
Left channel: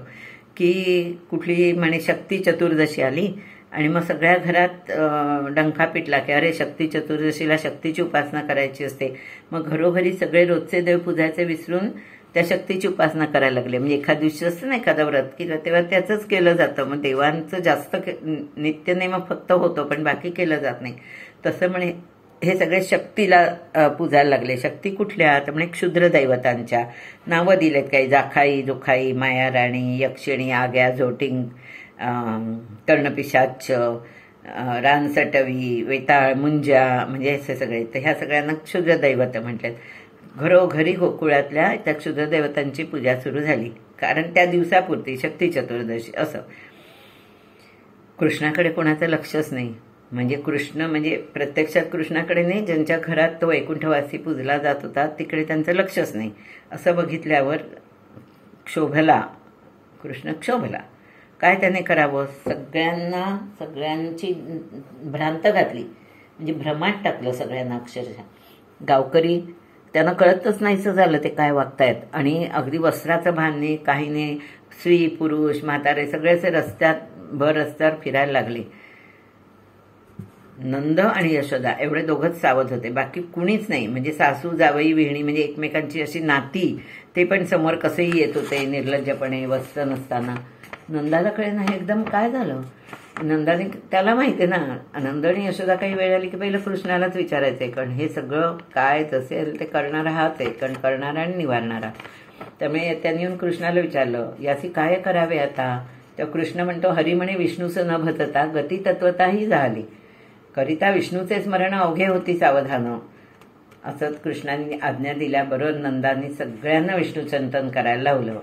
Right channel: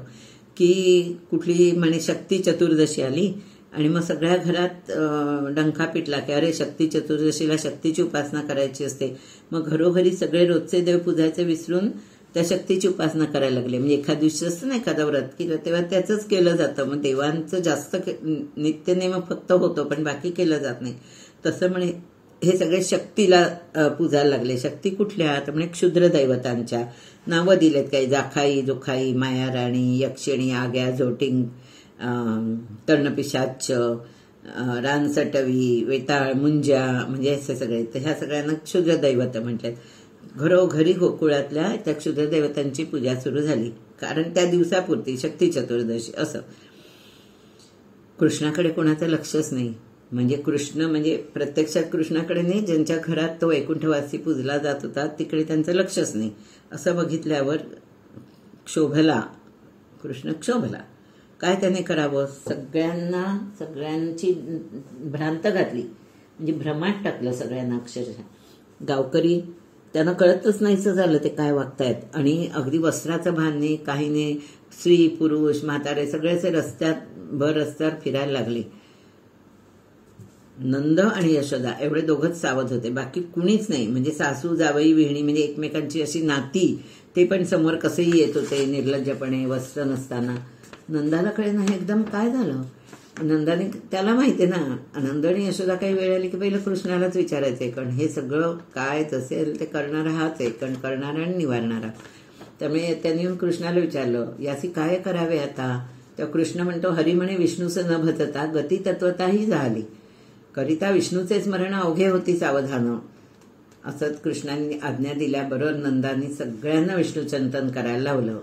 की कुठली म्हणे शक्ती चतुर्दशी आली आणि मग सगळ्या घरात डंका पिटला की अरे शक्ती चतुर्दशीला शक्तीची उपासना करायची असते. मग घरोघरी सगळे रोजचे देव पूजायचे विसरून त्या शक्तीची उपासना करायला लागले. म्हणजे एखाद दिवशी असतं ना एखादं व्रत की तेव्हा त्याचंच केलं जातं, मग देवांचं जास्त नित्यनेम फक्त होतो पण बाकी केलं जात नाही. तसं म्हणे हे सगळे शक्तीला पूजायला लागले. शक्ती कुठल्या तर म्हणे क्षुद्र दैवतांच्या नावं दिलेत काही, जाखाई, जोखाई, मायाराणी, यक्षिणी, आग्या, जोटिंग, कर्णपिशाच, रानसटवी, वेताळ, मुंजा, म्हणजे असे सगळे. तर ह्या सगळ्यांना क्षुद्र दैवत म्हटलेत. घरोघरी गोकुळातल्या त्या क्षुद्र दैवतांची पूजा सुरू झाली, कारण त्या दिवसापुरती शक्ती चतुर्दशी. असं कृष्णाकडे कोणाचं लक्षच नाही. म्हणजे कृष्ण म्हणजे प्रत्यक्षात कृष्णाकडे नाही, ज्यांच्या घरात तो वैकुंठवासी पूजला जात होता तिकडे त्यांचं लक्षच नाही. असं बघितल्यावर कृष्ण क्षोभला. काय त्याने करावं, सगळ्यांची भ्रांत घातली, म्हणजे भ्रमात टाकलं सगळ्यांना अक्षरशः. गावकरी त्यांना कळतच नाहीचं झालं ते काय वागतायत, आणि अगदी वस्त्राचं भान नाही, काही नाही. स्त्री पुरुष म्हातारे सगळेच रस्त्यावर फिरायला लागले. नंद आणि यशोदा एवढे दोघंच सावध होते, बाकी कुणीच नाही. म्हणजे सासू जावई विहिणी म्हणजे एकमेकांची अशी नाती, ते पण समोर कसेही येत होते निर्लज्जपणे, वस्त्र नसताना. नंदाला कळे नाही एकदम काय झालं. नंदाने, त्याला माहिती आहे ना, नंद आणि यशोदा काही वेळ आली की पहिलं कृष्णालाच विचारायचंय, कारण हे सगळं काय असेल ते करणारा हाच आहे, कारण करणारा आणि निवारणारा. त्यामुळे त्यांनी येऊन कृष्णाला विचारलं, याची काय करावे आता. तर कृष्ण म्हणतो, हरी म्हणे विष्णूचं न भतता गती तत्वताही झाली, करिता विष्णूचे स्मरण अवघे होती सावधान. असंच कृष्णाने आज्ञा दिल्याबरोबर नंदाने सगळ्यांना विष्णू चिंतन करायला लावलं.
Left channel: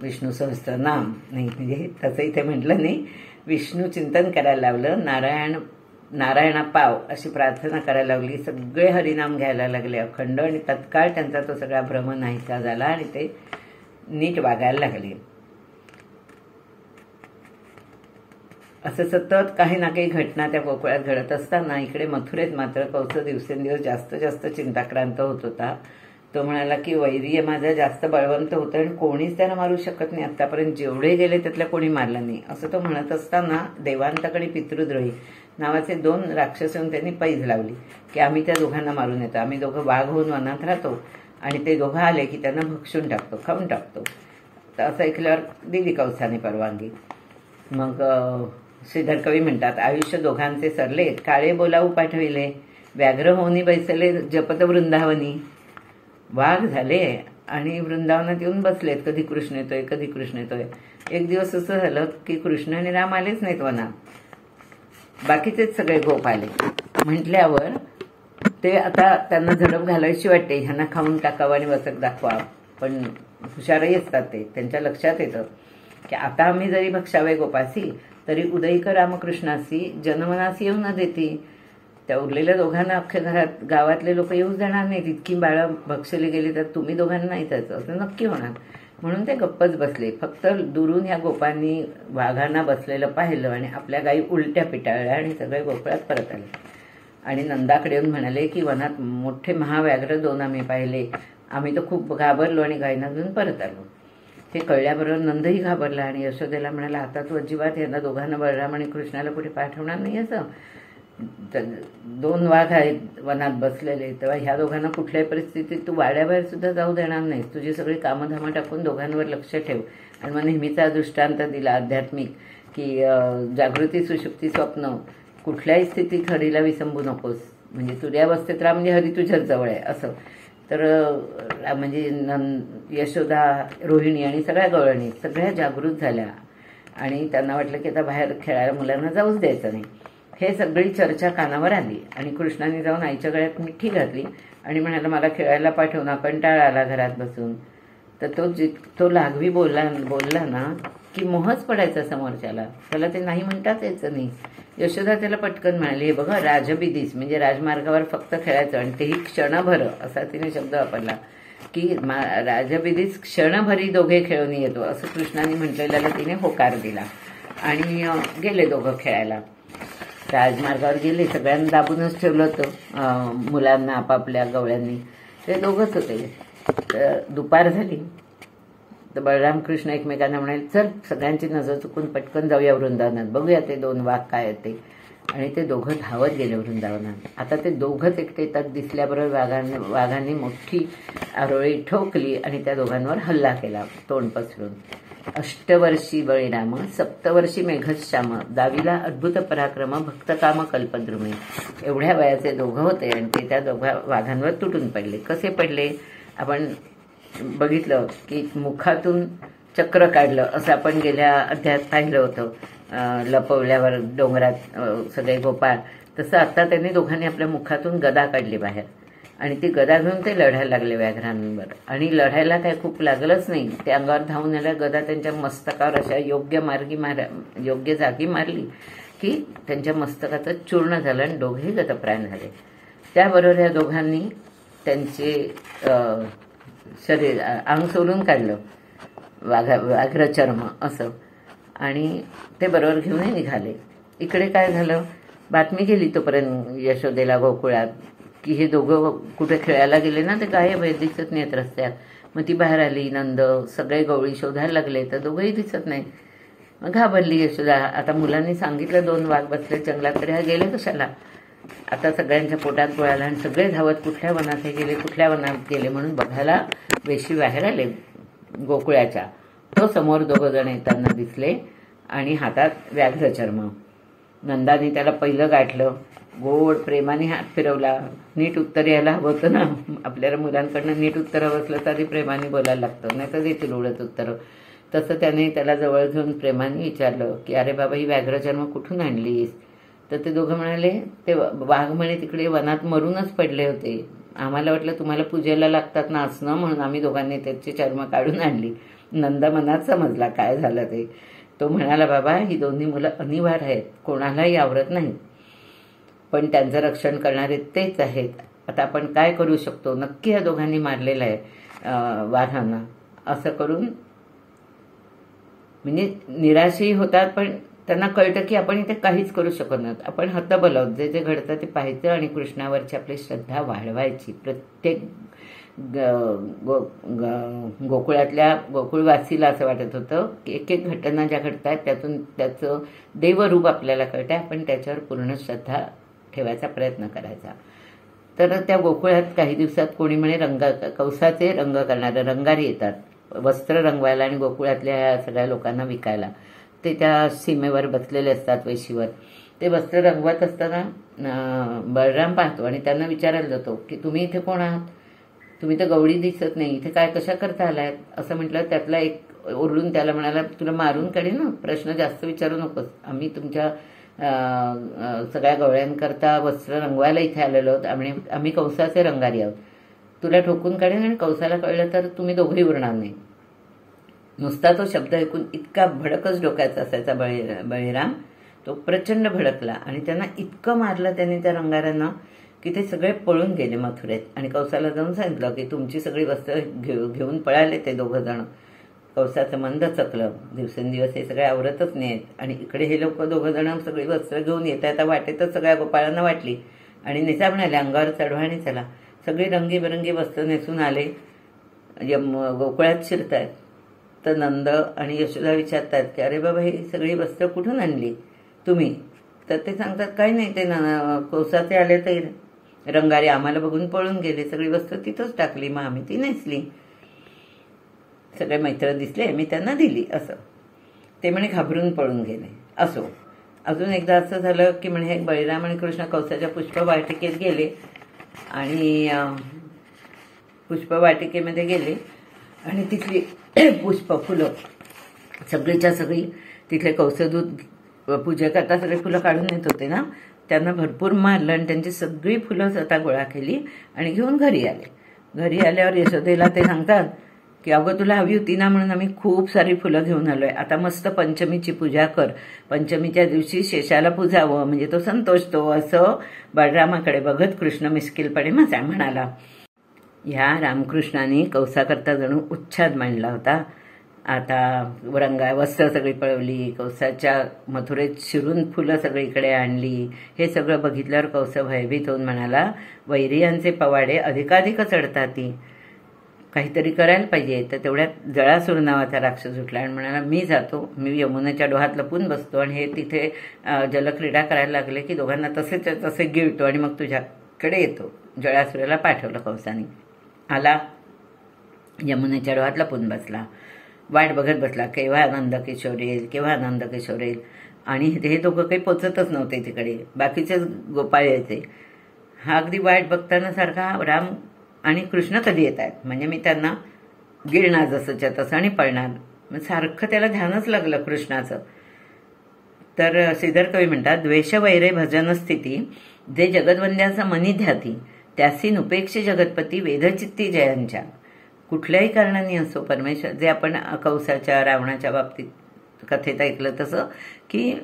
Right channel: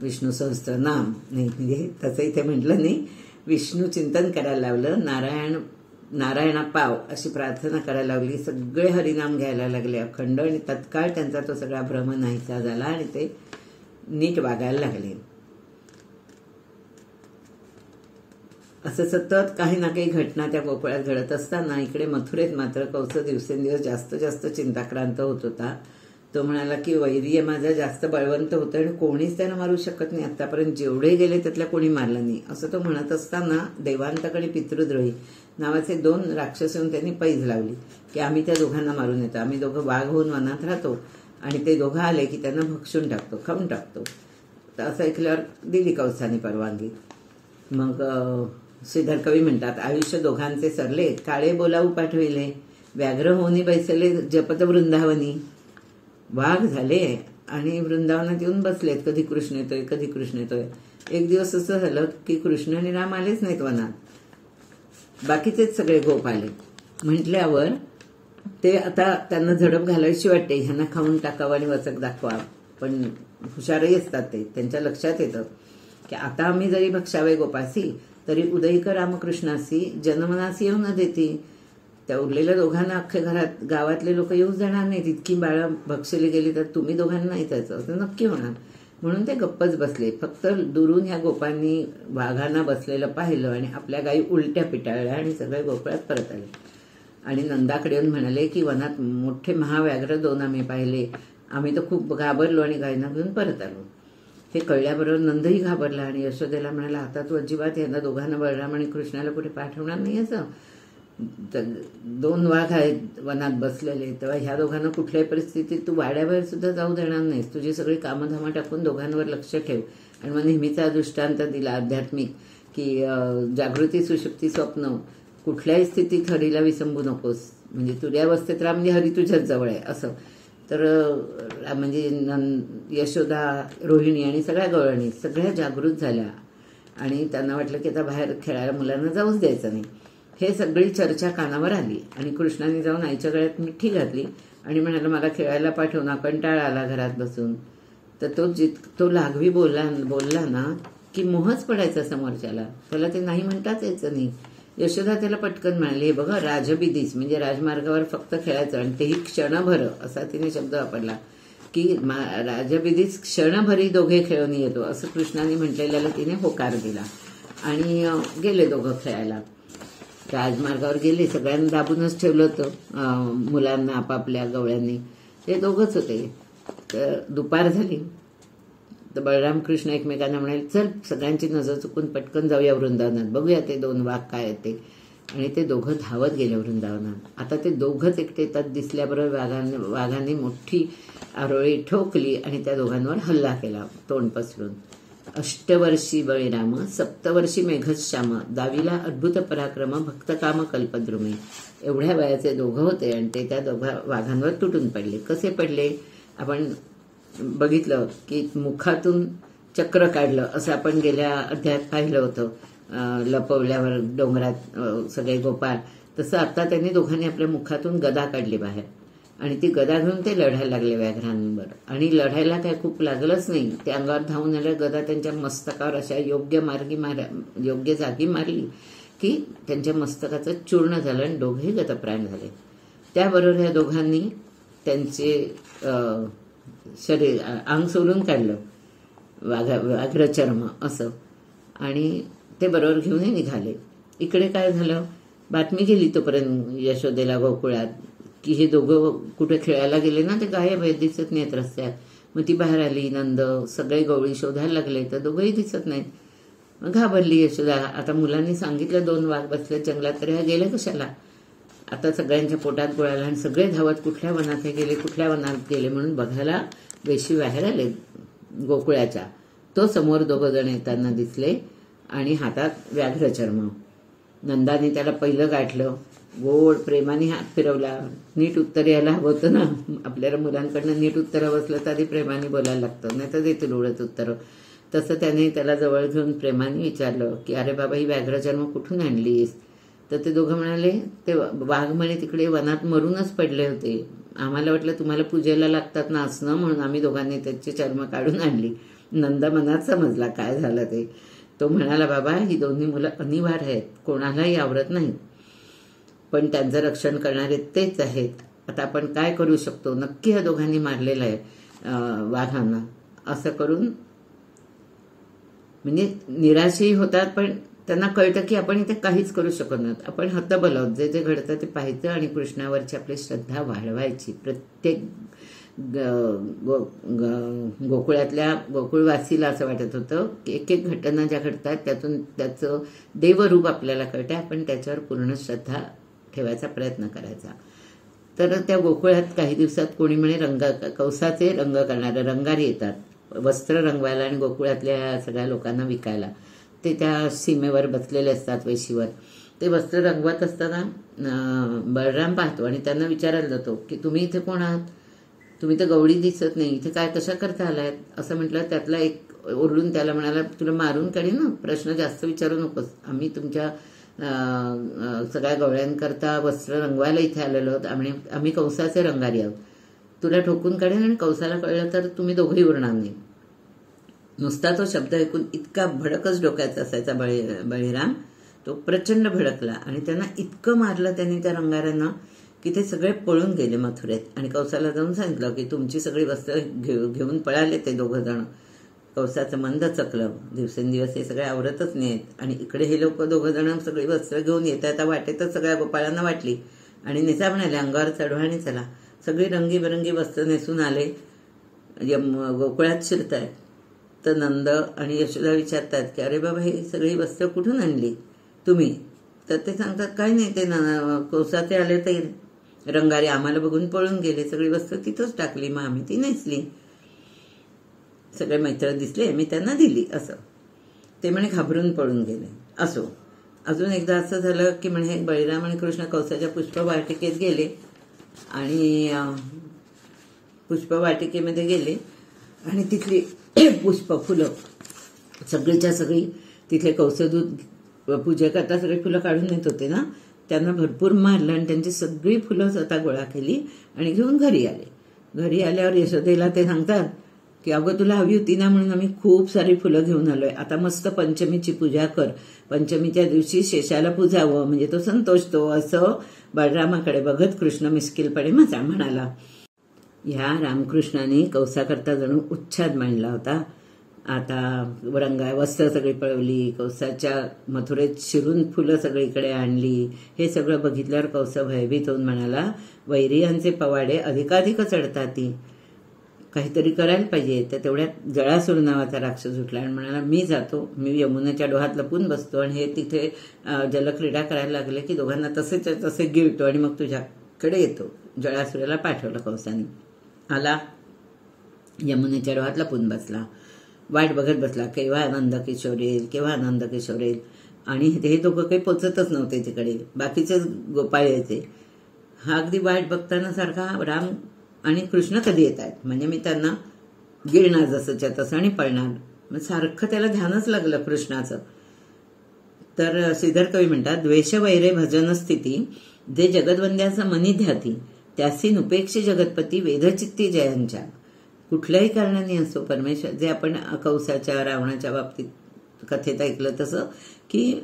विष्णू सहस्त्रनाम नाही, म्हणजे तसं इथे म्हटलं नाही, विष्णू चिंतन करायला लावलं. नारायणा पाव अशी प्रार्थना करायला लावली. सगळे हरिनाम घ्यायला लागले अखंड, आणि तत्काळ त्यांचा तो सगळा भ्रम नाहीसा झाला आणि ते नीट वागायला लागले. असं सतत काही ना काही घटना त्या गोकुळात घडत असताना इकडे मथुरेत मात्र कंस दिवसेंदिवस जास्त चिंताक्रांत होत होता. तो म्हणाला की वैरी माझा जास्त बळवंत होतं आणि कोणीच त्याला मारू शकत नाही, आतापर्यंत जेवढे गेले त्यातल्या कोणी मारलं नाही. असं तो म्हणत असताना देवांताकडे पितृद्रोही नावाचे 2 राक्षस येऊन त्यांनी पैज लावली की आम्ही त्या दोघांना मारून येतो, आम्ही दोघं वाघ होऊन वनात राहतो आणि ते दोघं आले की त्यांना भक्षून टाकतो, खाऊन टाकतो. तर असं ऐकल्यावर दिली कंसाने परवानगी. मग श्रीधर कवी म्हणतात, आयुष्य दोघांचे सरले, काळे बोलावू पाठविले, व्याघ्र होनी बैसले जपत वृंदावनी. वाघ झाले आणि वृंदावनात येऊन बसलेत, कधी कृष्ण येतोय कधी कृष्ण येतोय. एक दिवस असं झालं की कृष्ण आणि राम आलेच नाहीत वनात, बाकीचेच सगळे गोप आले. म्हटल्यावर ते आता त्यांना झडप घालायची वाटते, ह्यांना खाऊन टाकावं आणि वचक दाखवा. पण हुशारही असतात ते, त्यांच्या लक्षात येतं की आता आम्ही जरी भक्षावे गोपासी तरी उदयिक रामकृष्णासी जन्मनासी येऊ न देती. त्या उरलेल्या दोघांना अख्ख्या घरात गावातले लोक येऊच देणार नाहीत, इतकी बाळं भक्षली गेली तर तुम्ही दोघांना नाही त्याचं असं नक्की होणार. म्हणून ते गप्पच बसले. फक्त दुरून ह्या गोपांनी वाघांना बसलेलं पाहिलं आणि आपल्या गायी उलट्या पिटाळल्या आणि सगळे गोकुळात परत आले. आणि नंदाकडे येऊन म्हणाले की वनात मोठे महाव्याघ्र 2 आम्ही पाहिले, आम्ही तर खूप घाबरलो आणि गायींना घेऊन परत आलो. हे कळल्याबरोबर नंदही घाबरला आणि यशोदेला म्हणाला, आता तू अजिबात यांना दोघांना बलराम आणि कृष्णाला कुठे पाठवणार नाही. असं 2 वाघ आहेत वनात बसलेले, तेव्हा ह्या दोघांना कुठल्याही परिस्थितीत तू वाड्याबाहेर सुद्धा जाऊ देणार नाहीस. तुझी सगळी कामधामं टाकून दोघांवर लक्ष ठेव. आणि मग नेहमीचा दृष्टांत दिला आध्यात्मिक की जागृती सुषुप्ती स्वप्न कुठल्याही स्थितीत हरीला विसंबू नकोस. म्हणजे तुर्यावस्थेत राहा म्हणजे हरी तुझ्याच जवळ आहे असं. तर म्हणजे यशोदा, रोहिणी आणि सगळ्या गवळणी सगळ्या जागृत झाल्या आणि त्यांना वाटलं की आता बाहेर खेळायला मुलांना जाऊच द्यायचं नाही. हे सगळी चर्चा कानावर आली आणि कृष्णाने जाऊन आईच्या गळ्यात मिठी घातली आणि म्हणाला, मला खेळायला पाठव ना, कंटाळा आला घरात बसून. तर तो लाघवी बोलला ना की मोहच पडायचा समोरच्याला, त्याला ते नाही म्हणताच यायचं नाही. यशोदा त्याला पटकन म्हणाली, हे बघा राजबिदीस म्हणजे राजमार्गावर फक्त खेळायचं आणि तेही क्षणभर, असा तिने शब्द वापरला की राजबिदीस क्षणभरी दोघे खेळून येतो असं कृष्णाने म्हटलेल्याला तिने होकार दिला आणि गेले दोघं खेळायला. राजमार्गावर गेले, सगळ्यांना दाबूनच ठेवलं होतं मुलांना आपापल्या गवळ्यांनी, ते दोघंच होते. तर दुपार झाली तर बलराम कृष्ण एकमेकांना म्हणाले, चल सगळ्यांची नजर चुकून पटकन जाऊया वृंदावनात, बघूया ते 2 वाघ काय आहेत ते. आणि ते दोघं धावत गेले वृंदावनात. आता ते दोघंच एकटे येतात दिसल्याबरोबर वाघांनी मोठी आरोळी ठोकली आणि त्या दोघांवर हल्ला केला तोंड पसरून. 8 वर्षी बळीराम 7 वर्षी मेघश्याम, दाविला अद्भुत पराक्रम भक्तकाम कल्पद्रुमे. एवढ्या वयाचे दोघं होते आणि ते त्या दोघा वाघांवर तुटून पडले. कसे पडले आपण बघितलं की मुखातून चक्र काढलं असं आपण गेल्या अध्यायात पाहिलं होतं, लपवल्यावर डोंगरात सगळे गोपाळ. तसं आता त्यांनी दोघांनी आपल्या मुखातून गदा काढली बाहेर आणि ती गदा घेऊन ते लढायला लागले व्याघ्रांवर. आणि लढायला काय खूप लागलंच नाही, ते अंगावर धावून आल्या, गदा त्यांच्या मस्तकावर अशा योग्य जागी मारली की त्यांच्या मस्तकाचं चूर्ण झालं आणि दोघेही गतप्राण झाले. त्याबरोबर या दोघांनी त्यांचे शरीर अंग सोडून काढलं, व्याघ्रचर्म असं, आणि ते बरोबर घेऊनही निघाले. इकडे काय झालं, बातमी गेली तोपर्यंत यशोदेला गोकुळात की हे दोघं कुठे खेळायला गेले ना, ते गायब आहे, दिसत नाहीत रस्त्यात. मग ती बाहेर आली, नंद सगळे गवळी शोधायला लागले तर दोघंही दिसत नाही. मग घाबरली यशोदा. आता मुलांनी सांगितलं 2 वाघ बसले जंगलात, तरी हा गेले कशाला. आता सगळ्यांच्या पोटात गोळाला आणि सगळे धावत कुठल्या वनात हे गेले, कुठल्या वनात गेले म्हणून बघायला वेशी बाहेर आले गोकुळाच्या. तो समोर दोघं जण येताना दिसले आणि हातात व्याघ्रचर्म. नंदाने त्याला पहिलं गाठलं, गोड प्रेमाने हात फिरवला. नीट उत्तर यायला हवं होतं ना, आपल्याला मुलांकडनं नीट उत्तर हवं असलं तरी प्रेमाने बोलायला लागतं, नाही तर देतील उडत उत्तरं. तसं त्याने त्याला जवळ घेऊन प्रेमाने विचारलं की अरे बाबा, ही व्याघ्रचर्म कुठून आणलीस? तर ते दोघं म्हणाले, ते वाघ म्हणे तिकडे वनात मरूनच पडले होते, आम्हाला वाटलं तुम्हाला पूजेला लागतात ना असणं, म्हणून आम्ही दोघांनी त्याची चर्म काढून आणली. नंदा मनात समजला काय झालं ते. तो म्हणाला, बाबा ही दोन्ही मुलं अनिवार्य आहेत, कोणालाही आवडत नाहीत, पण त्यांचं रक्षण करणारे तेच आहेत. आता आपण काय करू शकतो? नक्की ह्या दोघांनी मारलेलं आहे वाघांना. असं करून म्हणजे निराशही होतात, पण त्यांना कळतं की आपण इथे काहीच करू शकत नाही. आपण हतबल आहोत, जे जे घडतं ते पाहायचं आणि कृष्णावरची आपली श्रद्धा वाढवायची. प्रत्येक गोकुळातल्या गोकुळवासीला असं वाटत होतं की एक एक घटना ज्या घडतात त्यातून त्याचं देवरूप आपल्याला कळतं, आपण त्याच्यावर पूर्ण श्रद्धा ठेवायचा प्रयत्न करायचा. तर त्या गोकुळात काही दिवसात कोणी म्हणे कौसाचे रंग करणारे रंगारी येतात वस्त्र रंगवायला आणि गोकुळातल्या सगळ्या लोकांना विकायला. ते त्या सीमेवर बसलेले असतात वेशीवर. ते वस्त्र रंगवत असताना बळराम पाहतो आणि त्यांना विचारायला जातो की तुम्ही इथे कोण आहात? तुम्ही तर गवळी दिसत नाही, इथे काय कशा करता आलायत? असं म्हटलं. त्यातला एक ओरडून त्याला म्हणाला, तुला मारून काढेल ना, प्रश्न जास्त विचारू नकोस, आम्ही तुमच्या सगळ्या गवळ्यांकरता वस्त्र रंगवायला इथे आलेलो आहोत, आम्ही कौसाचे रंगारी आहोत, तुला ठोकून काढेल आणि कौसाला कळलं तर तुम्ही दोघेही उरणार नाही. नुसता तो शब्द ऐकून इतका भडकच डोक्याचा असायचा बळीराम, तो प्रचंड भडकला आणि त्यांना इतकं मारलं त्यांनी त्या रंगाऱ्यांना की ते सगळे पळून गेले मथुरेत. आणि कौसाला जाऊन सांगितलं की तुमची सगळी वस्त्र घेऊन पळाले ते दोघं जण. कौसाचं मंद चकलं, दिवसेंदिवस हे सगळे आवरतच नाहीत आणि इकडे हे लोक दोघं जण सगळी वस्त्र घेऊन येत आहेत. वाटेतच सगळ्या गोपाळांना वाटली आणि नेसा म्हणाले, अंगावर चढवा आणि चला. सगळी रंगीबेरंगी वस्त्र नेसून आले, गोकुळात शिरतायत. तर नंद आणि यशोदा विचारतात की अरे बाबा, ही सगळी वस्त्र कुठून आणली तुम्ही? तर ते सांगतात, काही नाही, ते कौसाचे आले तर रंगारी आम्हाला बघून पळून गेले, सगळी वस्त्र तिथंच टाकली, मग आम्ही ती नेसली. सगळे मैत्र दिसले, मी त्यांना दिली. असं ते म्हणे घाबरून पळून गेले. असो, अजून एकदा असं झालं की म्हणे बळीराम आणि कृष्ण कौसाच्या पुष्पवाटिकेत गेले आणि पुष्पवाटिकेमध्ये गेले आणि तिथली पुष्प फुलं सगळीच्या सगळी तिथले कौसदूत पूजा करता सगळे फुलं काढून येत होते ना, त्यांना भरपूर मारलं आणि त्यांची सगळी फुलं स्वतः गोळा केली आणि घेऊन घरी आले. घरी आल्यावर यशोदेला ते सांगतात की अगं, तुला हवी होती ना म्हणून आम्ही खूप सारी फुलं घेऊन आलोय, आता मस्त पंचमीची पूजा कर, पंचमीच्या दिवशी शेषाला पूजावं म्हणजे तो संतोषतो. असं बळरामाकडे बघत कृष्ण मिस्किलपणे म्हणाला. ह्या रामकृष्णाने कौसाकरता जणू उच्छाद मांडला होता. आता वस्त्र सगळी पळवली, कौसाच्या मथुरेत शिरून फुलं सगळीकडे आणली. हे सगळं बघितल्यावर कौस भयभीत होऊन म्हणाला, वैरियांचे पवाडे अधिकाधिक चढतात, काहीतरी करायला पाहिजे. तर तेवढ्यात जळासूर नावाचा राक्षस उठला आणि म्हणाला, मी जातो, मी यमुनेच्या डोहात लपून बसतो. आणि हे तिथे जलक्रीडा करायला लागले की दोघांना तसे गिळतो आणि मग तुझ्याकडे येतो. जळासुराला पाठवलं कौसाने. आला, यमुनेच्या डोहात लपून बसला, वाट बघत बसला, केव्हा आनंद किशोर येईल, केव्हा आनंद किशोर येईल. आणि हे दोघं काही पोचतच नव्हते तिकडे, बाकीचेच गोपाळ यायचे. हा अगदी वाट बघताना सारखा राम आणि कृष्ण कधी येत आहेत, म्हणजे मी त्यांना गिळणार जसंच्या तसं आणि पळणार. मग सारखं त्याला ध्यानच लागलं कृष्णाचं. तर श्रीधर कवी म्हणतात, द्वेष वैरे भजन स्थिती जे जगदवंद्याचा मनी ध्याती, त्यासी नुपेक्षी जगतपती वेदचित्ती जयांच्या. कुठल्याही कारणाने असो परमेश्वर, जे आपण कौसाच्या रावणाच्या बाबतीत कथेत ऐकलं तसं की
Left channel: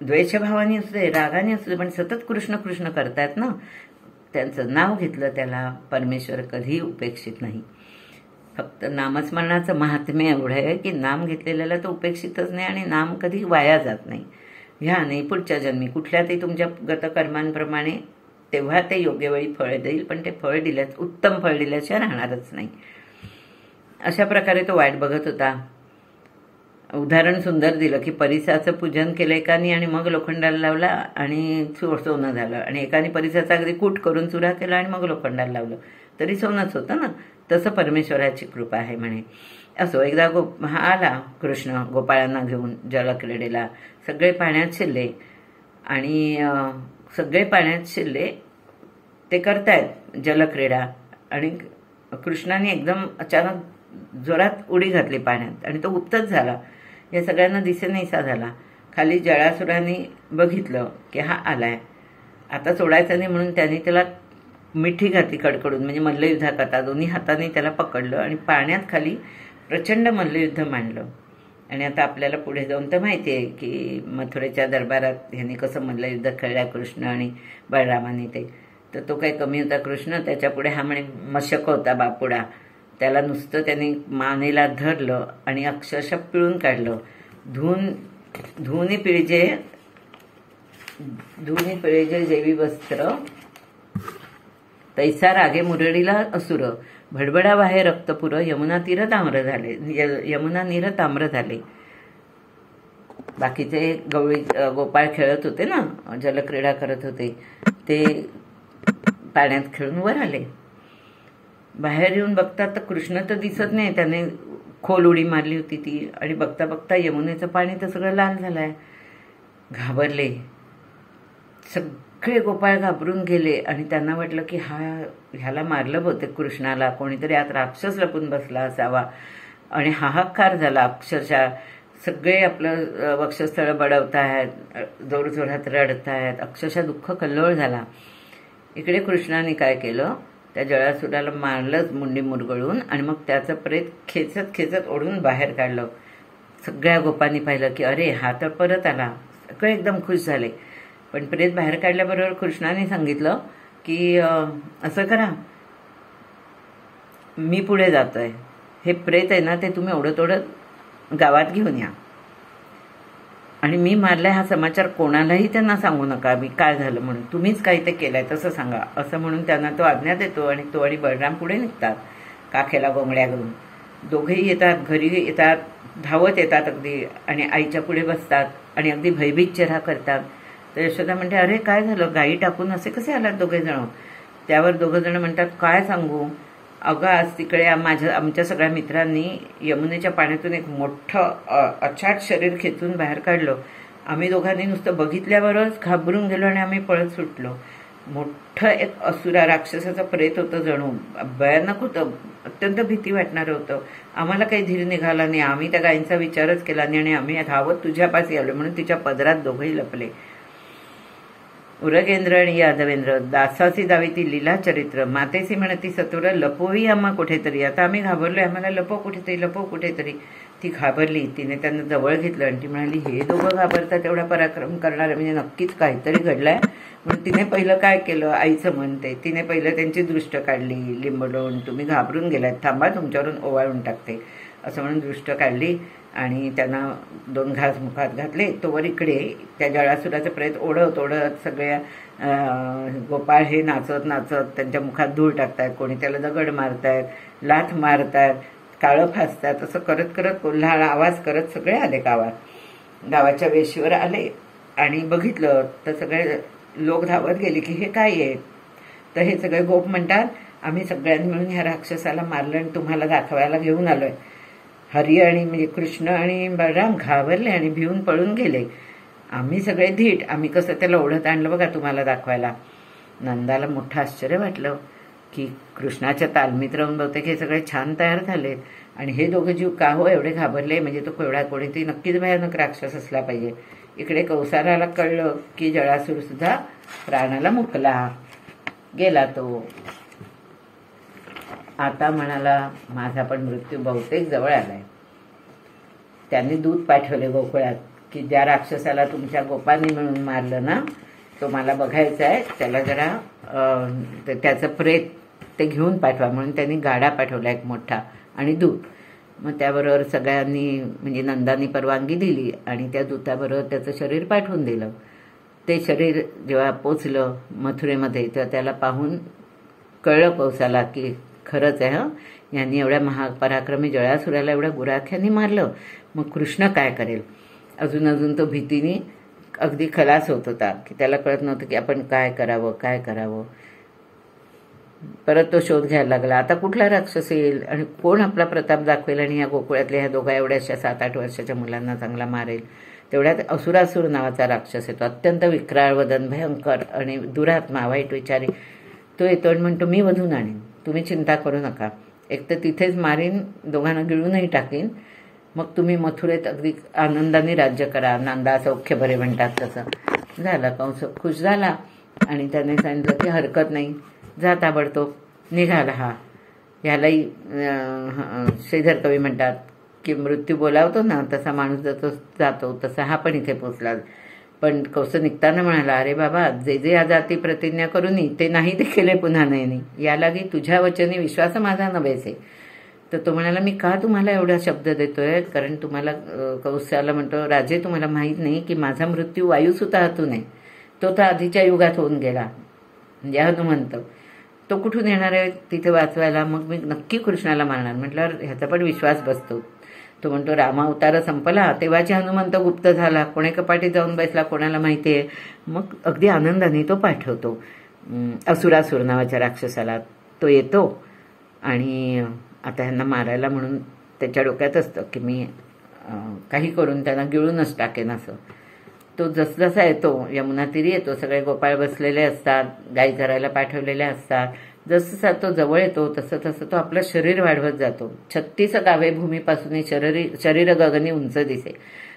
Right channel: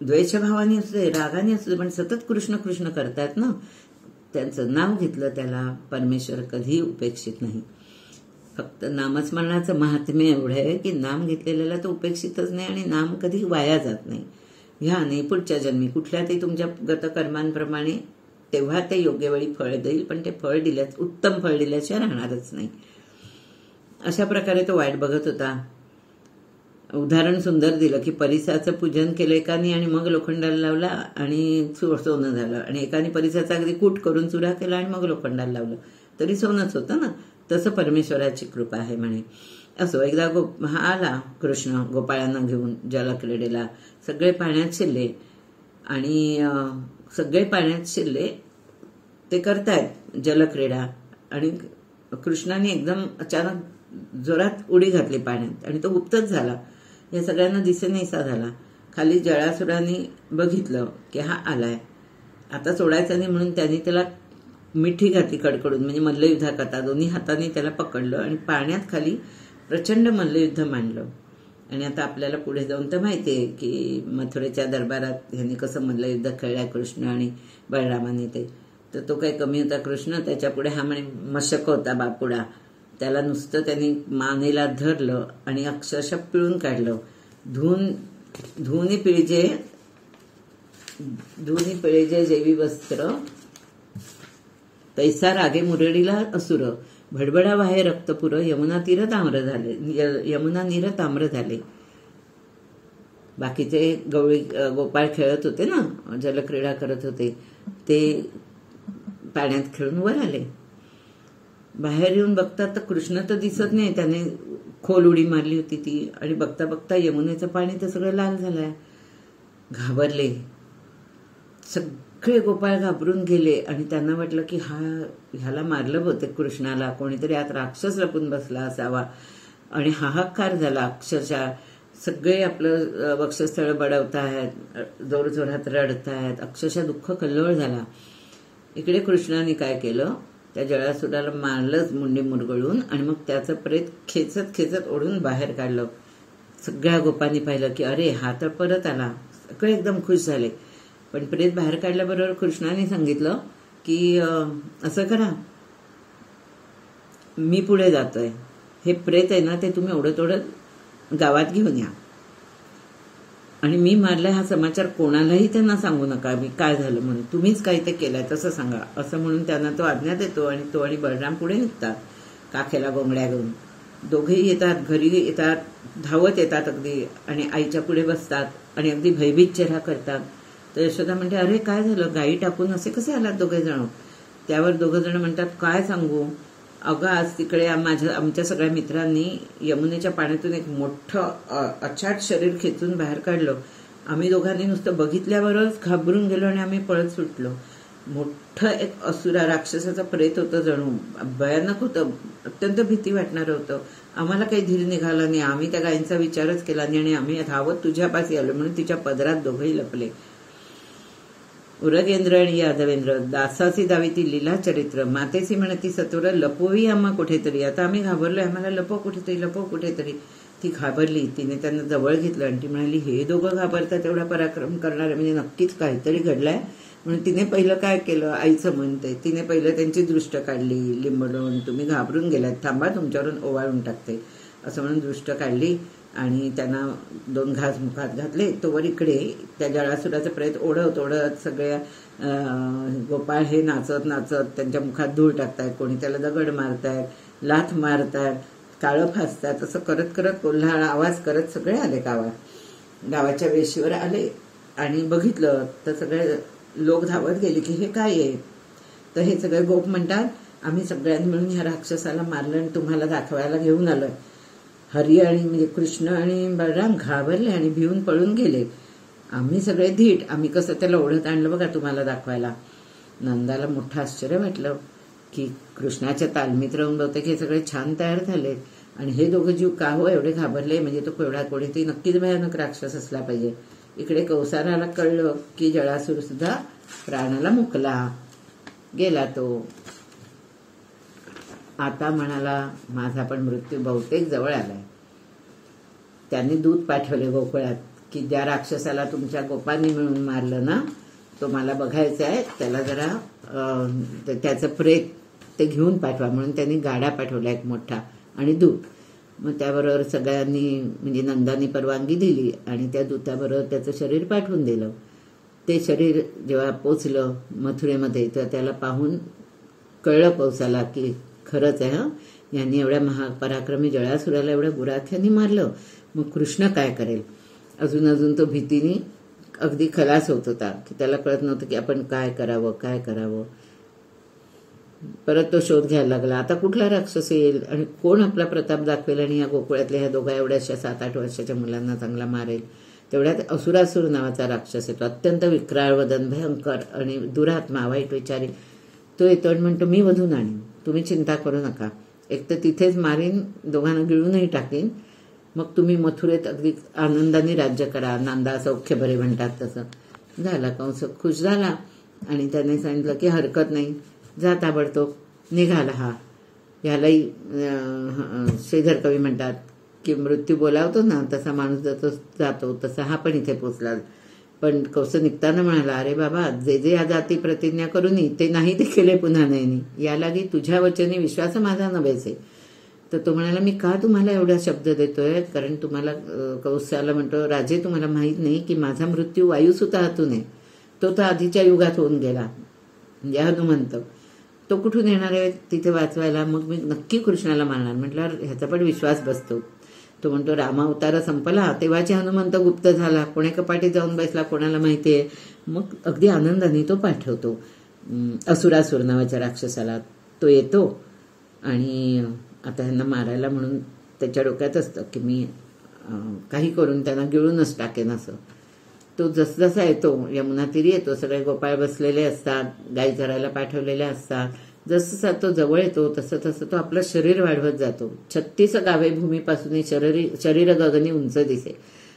द्वेषभावाने असू दे, रागाने असू दे, पण सतत कृष्ण कृष्ण करतायत ना, त्यांचं नाव घेतलं त्याला परमेश्वर कधीही उपेक्षित नाही. फक्त नामस्मरणाचं महात्म्य एवढं आहे की नाम घेतलेल्याला तो उपेक्षितच नाही आणि नाम कधी वाया जात नाही. ह्या नाही पुढच्या जन्मी कुठल्या ते तुमच्या गतकर्मांप्रमाणे तेव्हा ते योग्य वेळी फळ देईल, पण ते फळ उत्तम फळ दिल्याशिवाय राहणारच नाही. अशा प्रकारे तो वाट बघत होता. उदाहरण सुंदर दिलं की परिसाचं पूजन केलं एकाने आणि मग लोखंडाला लावला आणि सोनं झालं, आणि एकाने परिसाचा अगदी कूट करून चुरा केला आणि मग लोखंडाला लावलं, तरी सोनंच होतं ना. तसं परमेश्वराची कृपा आहे म्हणे. असो एकदा हा आला कृष्ण गोपाळांना घेऊन जलक्रीडेला. सगळे पाण्यात शिरले आणि सगळे पाण्यात शिरले, ते करतायत जलक्रीडा, आणि कृष्णाने एकदम अचानक जोरात उडी घातली पाण्यात आणि तो उपतच झाला. या सगळ्यांना दिसेनासा झाला. खाली जळासुराने बघितलं की हा आलाय, आता सोडायचा नाही म्हणून त्यांनी त्याला मिठी घातली कडकडून, म्हणजे मल्लयुद्ध करता दोन्ही हाताने त्याला पकडलं आणि पाण्यात खाली प्रचंड मल्लयुद्ध मांडलं. आणि आता आपल्याला पुढे जाऊन तर माहिती आहे की मथुरेच्या दरबारात ह्यांनी कसं मल्लयुद्ध खेळल्या कृष्ण आणि बलरामाने ते. तर तो काही कमी होता कृष्ण, त्याच्या पुढे हा म्हणे मशक होता बापुडा. त्याला नुसतं त्यांनी मानेला धरलं आणि अक्षरशः पिळून काढलं. धुनी पिळेजे जैवी वस्त्र, तैसा रागे मुरडीला असुर, भडबडा वाहे रक्तपुर, यमुना नीर ताम्र झाले. बाकीचे गोपाळ खेळत होते ना, जलक्रीडा करत होते, ते पाण्यात खेळून वर आले. बाहेर येऊन बघतात तर कृष्ण तर दिसत नाही, त्याने खोल उडी मारली होती ती, आणि बघता बघता यमुनेचं पाणी तर सगळं लाल झालंय. घाबरले सगळे गोपाळ, घाबरून गेले आणि त्यांना वाटलं की ह्याला मारलं बहुतेक कृष्णाला, कोणीतरी आत राक्षस लपून बसला असावा. आणि हाहाकार झाला अक्षरशः. सगळे आपलं वक्षस्थळ बडवतायत, जोरजोरात रडतायत, अक्षरशः दुःख कल्लोळ झाला. इकडे कृष्णाने काय केलं, त्या जळासुराला मारलंच मुंडी मुरगळून, आणि मग त्याचं प्रेत खेचत खेचत ओढून बाहेर काढलं. सगळ्या गोपांनी पाहिलं की अरे हा तर परत आला. सगळे एकदम खुश झाले. पण प्रेत बाहेर काढल्याबरोबर कृष्णाने सांगितलं की असं करा, मी पुढे जातोय, हे प्रेत आहे ना ते तुम्ही ओढत ओढत गावात घेऊन या, आणि मी मारलाय हा समाचार कोणालाही त्यांना सांगू नका, मी काय झालं म्हणून, तुम्हीच काही ते केलंय तसं सांगा. असं म्हणून त्यांना तो आज्ञा देतो आणि तो आणि बलराम पुढे निघतात काखेला गोंगड्या घेऊन. दोघेही येतात, घरी येतात, धावत येतात अगदी, आणि आईच्या पुढे बसतात आणि अगदी भयभीत चेहरा करतात. तर यशोदा म्हणते अरे काय झालं, गायी टाकून असे कसे आलात दोघे जण. त्यावर दोघं जण म्हणतात काय सांगू, अगं आज तिकडे आमच्या सगळ्या मित्रांनी यमुनेच्या पाण्यातून एक मोठं अचाट शरीर खेचून बाहेर काढलं. आम्ही दोघांनी नुसतं बघितल्यावरच घाबरून गेलो आणि आम्ही पळत सुटलो. मोठं एक असुरा राक्षसाचं प्रेत होतं, जणू भयानक होतं, अत्यंत भीती वाटणारं होतं. आम्हाला काही धीर निघाला नाही, आम्ही त्या गायींचा विचारच केला नाही आणि आम्ही धावत तुझ्यापाशी आलो म्हणून तिच्या पदरात दोघंही लपले. उरगेंद्र आणि यादवेंद्र दासाची दावी ती लीला चरित्र, मातेसी म्हणती सत्वर लपवही आम्हा कुठेतरी. आता आम्ही घाबरलोय, आम्हाला लपव कुठेतरी, लपव कुठेतरी. ती घाबरली, तिने त्यांना जवळ घेतलं आणि ती म्हणाली हे दोघं घाबरतात एवढा पराक्रम करणारे म्हणजे नक्कीच काहीतरी घडलाय. म्हणून तिने पहिलं काय केलं, आईचं म्हणते, तिने पहिलं त्यांची दृष्ट काढली लिंबडून, तुम्ही घाबरून गेलात, थांबा तुमच्यावरून ओवाळून टाकते असं म्हणून दृष्ट काढली आणि त्यांना 2 घास मुखात घातले. तोवर इकडे त्या जळासुराचं प्रेत ओढत ओढत सगळ्या गोपाळ हे नाचत नाचत त्यांच्या मुखात धूळ टाकतायत, कोणी त्याला दगड मारतायत, लाथ मारतायत, काळं फासतात, असं करत करत कोल्हाळ आवाज करत सगळे आले गावाच्या वेशीवर आले. आणि बघितलं तर सगळे लोक धावत गेले की हे काय आहे. तर हे सगळे गोप म्हणतात आम्ही सगळ्यांनी मिळून ह्या राक्षसाला मारलं आणि तुम्हाला दाखवायला घेऊन आलोय. हरी आणि म्हणजे कृष्ण आणि बलराम घाबरले आणि भिवून पळून गेले. आम्ही सगळे धीट, आम्ही कसं त्याला ओढत आणलं बघा तुम्हाला दाखवायला. नंदाला मोठं आश्चर्य वाटलं की कृष्णाच्या तालमीत राहून बहुतेक हे सगळे छान तयार झाले आणि हे दोघं जीव का हो एवढे घाबरले, म्हणजे तो केवढा कोणीतरी नक्कीच भयानक राक्षस असला पाहिजे. इकडे कौसाराला कळलं की जळासूर सुद्धा प्राणाला मुकला गेला. तो आता म्हणाला माझा पण मृत्यू बहुतेक जवळ आलाय. त्यांनी दूत पाठवले गोकुळात की ज्या राक्षसाला तुमच्या गोपांनी मिळून मारलं ना तो मला बघायचा आहे, त्याला जरा त्याचं प्रेत ते घेऊन पाठवा म्हणून त्यांनी गाडा पाठवला एक मोठा आणि दूत. मग त्याबरोबर सगळ्यांनी म्हणजे नंदानी परवानगी दिली आणि त्या दूताबरोबर त्याचं शरीर पाठवून दिलं. ते शरीर जेव्हा पोचलं मथुरेमध्ये तेव्हा त्याला पाहून कळलं कौसाला की खरंच आहे यांनी एवढ्या महापराक्रमी जळासुराला एवढ्या गुराख्यानी मारलं, मग कृष्ण काय करेल. अजून तो भीतीने अगदी खलास होत होता की त्याला कळत नव्हतं की आपण काय करावं. परत तो शोध घ्यायला लागला. आता कुठला राक्षस येईल आणि कोण आपला प्रताप दाखवेल आणि ह्या गोकुळातल्या ह्या दोघा एवढ्याशा 7-8 वर्षाच्या मुलांना चांगला मारेल. तेवढ्यात असुरासूर नावाचा राक्षस येतो, अत्यंत विक्राळ वदन, भयंकर आणि दुरात्मा, वाईट विचारी. तो येतो आणि म्हणतो, मी वधून आणीन, तुम्ही चिंता करू नका. एक तर तिथेच मारीन, दोघांना गिळूनही टाकीन, मग तुम्ही मथुरेत अगदी आनंदाने राज्य करा. नांदा सौख्य बरे म्हणतात तसं. झालं. कंस खुश झाला आणि त्याने सांगितलं की हरकत नाही, जा ताबडतोब. निघाला हा. ह्यालाही श्रीधर कवी म्हणतात की मृत्यू बोलावतो ना तसा माणूस जातो, तसा हा पण इथे पोचला. पण कंस निघताना म्हणाला, अरे बाबा, जे जे जाती प्रतिज्ञा करूनी ते नाही ते केले पुन्हा नयनी, यालागी तुझ्या वचनी विश्वास माझा नभेसे. तर तो म्हणाला, मी का तुम्हाला एवढा शब्द देतोय, कारण तुम्हाला कौशल्याला म्हणतो, राजे तुम्हाला माहीत नाही की माझा मृत्यू वायुसुता हातून आहे. तो तर आधीच्या युगात होऊन गेला, म्हणजे हनुमंत. तो कुठून येणार आहे तिथे वाचवायला, मग मी नक्की कृष्णाला मारणार. म्हटल्यावर ह्याचा पण विश्वास बसतो. तो म्हणतो, रामावतार संपला तेव्हाची हनुमंत गुप्त झाला, कोणे कपाटी जाऊन बसला कोणाला माहिती आहे. मग अगदी आनंदाने तो पाठवतो असुरासूर नावाच्या राक्षसाला. तो येतो आणि आता ह्यांना मारायला म्हणून त्याच्या डोक्यात असतं की मी काही करून त्यांना गिळूनच टाकेन असं. तो जसजसा येतो यमुना तीरी येतो, सगळे गोपाळ बसलेले असतात, गाई चरायला पाठवलेल्या असतात. जसं तो जवळ येतो तसं तसं तो आपलं शरीर वाढवत जातो. 36 गावे भूमीपासून शरीर गगनी उंच दिसे.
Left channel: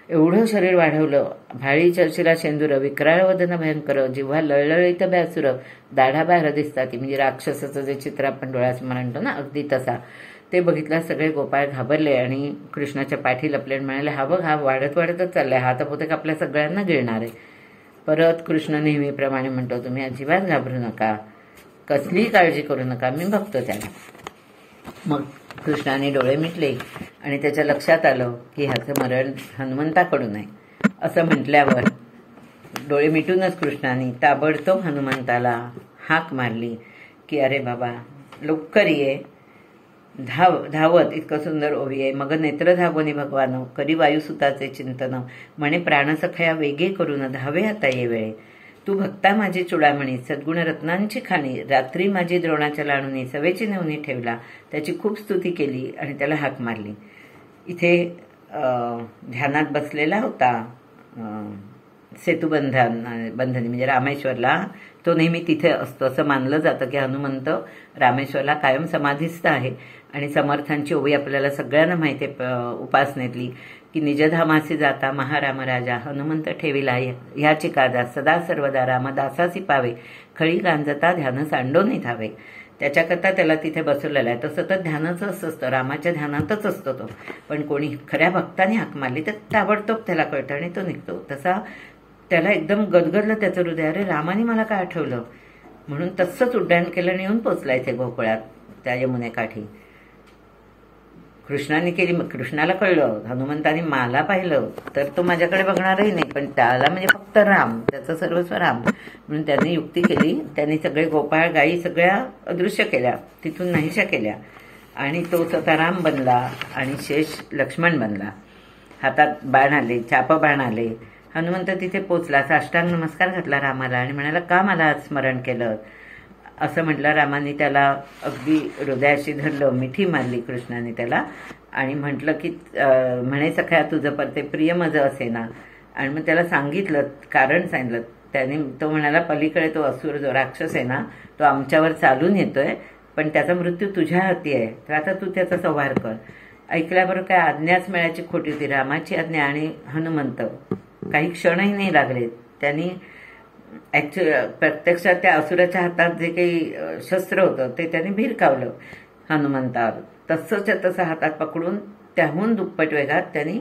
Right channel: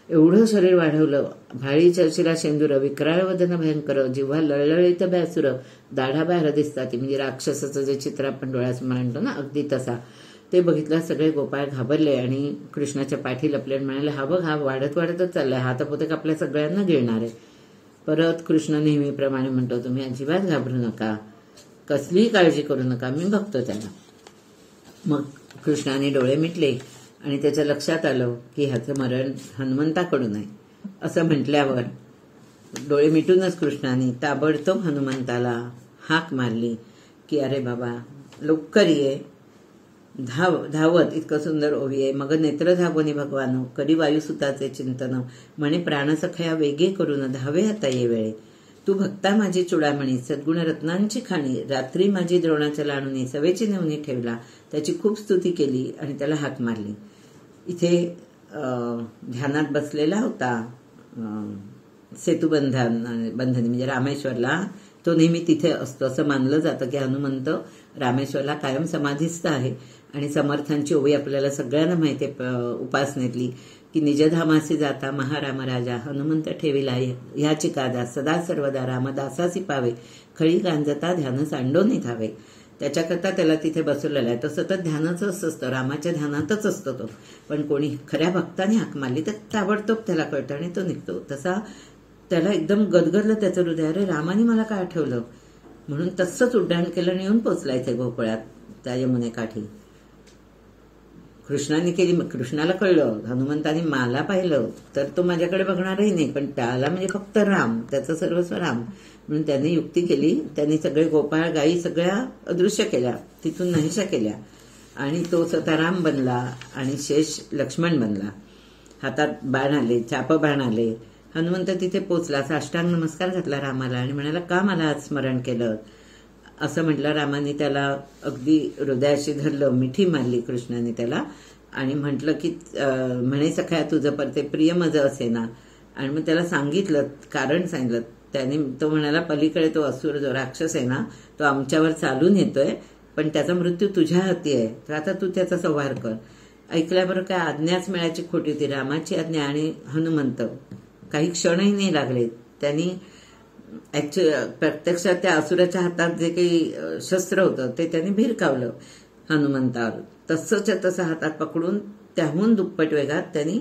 एवढं शरीर वाढवलं. भाळी चर्चिला शेंदूर, विक्राळ वदन भयंकर, जिव्हा लळलळीत बॅसुर, दाढा बाहेर दिसतात. म्हणजे राक्षसाचं जे चित्र आपण डोळ्यासमोर आणतो ना, अगदी तसा. ते बघितलं सगळे गोपाळ घाबरले आणि कृष्णाच्या पाठी लपले आणि म्हणाले, हा बघ, हा वाढत वाढतच चाललाय, हा तर पोते आपल्या सगळ्यांना गिळणार आहे. परत कृष्ण नेहमीप्रमाणे म्हणतो, तुम्ही अजिबात घाबरू नका, कसलीही काळजी करू नका, मी बघतो त्याला. मग कृष्णाने डोळे मिटले आणि त्याच्या लक्षात आलं की ह्याचं मरण हनुमंताकडून आहे. असं म्हटल्यावर डोळे मिटूनच कृष्णाने ताबडतोब हनुमंताला हाक मारली की अरे बाबा, लवकर ये, धावत. इतकं सुंदर ओवी आहे. मग नेत्र धावोनी भगवान, करी वायुसुताचे चिंतन, म्हणे प्राणसखया वेगे करून, धावे आता ये वेळे. तू भक्ता माझी चुडामणी, सद्गुण रत्नांची खाणी, रात्री माझी द्रोणाच्या लाणुनी, सवेची नेवणी ठेवला. त्याची खूप स्तुती केली आणि त्याला हाक मारली. इथे ध्यानात बसलेला होता बंधनी म्हणजे रामेश्वरला. तो नेहमी तिथे असतो. असं मानलं जातं की हनुमंत रामेश्वरला कायम समाधीस्थ आहे. आणि समर्थांची ओवी आपल्याला सगळ्यांना माहिती आहे उपासनेतली की निजधामासी जाता महाराम राजा, हनुमंत ठेविला ह्याची काजा, सदा सर्वदा रामदासासी पावे, खळी गांजता ध्यान सांडोनी धावे. त्याच्याकरता त्याला तिथे बसवलेला आहे. तो सतत ध्यानाचंच असतं, रामाच्या ध्यानातच असतो तो. पण कोणी खऱ्या भक्ताने हाक मारली तर ताबडतोब त्याला कळतं आणि तो निघतो. तसा त्याला एकदम गदगदलं त्याचं हृदय, अरे रामाने मला काय आठवलं म्हणून तसंच उड्डाण केलं आणि येऊन पोचला इथे गोकुळात त्या यमुनेकाठी. कृष्णाने केली. मग कृष्णाला कळलं हनुमंताने मला पाहिलं तर तो माझ्याकडे बघणारही नाही, पण त्याला म्हणजे फक्त राम, त्याचं सर्वस्व राम, म्हणून त्यांनी युक्ती केली. त्यांनी सगळे गोपाळ गायी सगळ्या अदृश्य केल्या, तिथून नाहीशा केल्या आणि तो स्वतः राम बनला आणि शेष लक्ष्मण बनला. हातात बाण आले, चाप बाण आले. हनुमंत तिथे पोचला, साष्टांग नमस्कार घातला रामाला आणि म्हणाला, का मला आज स्मरण केलं असं म्हटलं. रामाने त्याला अगदी हृदयाशी धरलं, मिठी मारली कृष्णाने त्याला आणि म्हटलं की म्हणे सख्या तुझं परते प्रिय मज असे ना. आणि मग त्याला सांगितलं, कारण सांगितलं. त्याने तो म्हणाला, पलीकडे तो असुर जो राक्षस आहे ना, तो आमच्यावर चालून येतोय, पण त्याचा मृत्यू तुझ्या हाती आहे, तर आता तू त्याचा संहार कर. ऐकल्याबरोबर काय आज्ञाच मिळायची खोटी होती. रामाची आज्ञा आणि हनुमंत काही क्षणही नाही लागले. त्यांनी प्रत्यक्षात त्या असुराच्या हातात जे काही शस्त्र होतं ते त्यांनी भिरकावलं हनुमंतावर. तसंच तसं हातात पकडून त्याहून दुप्पट वेगात त्यांनी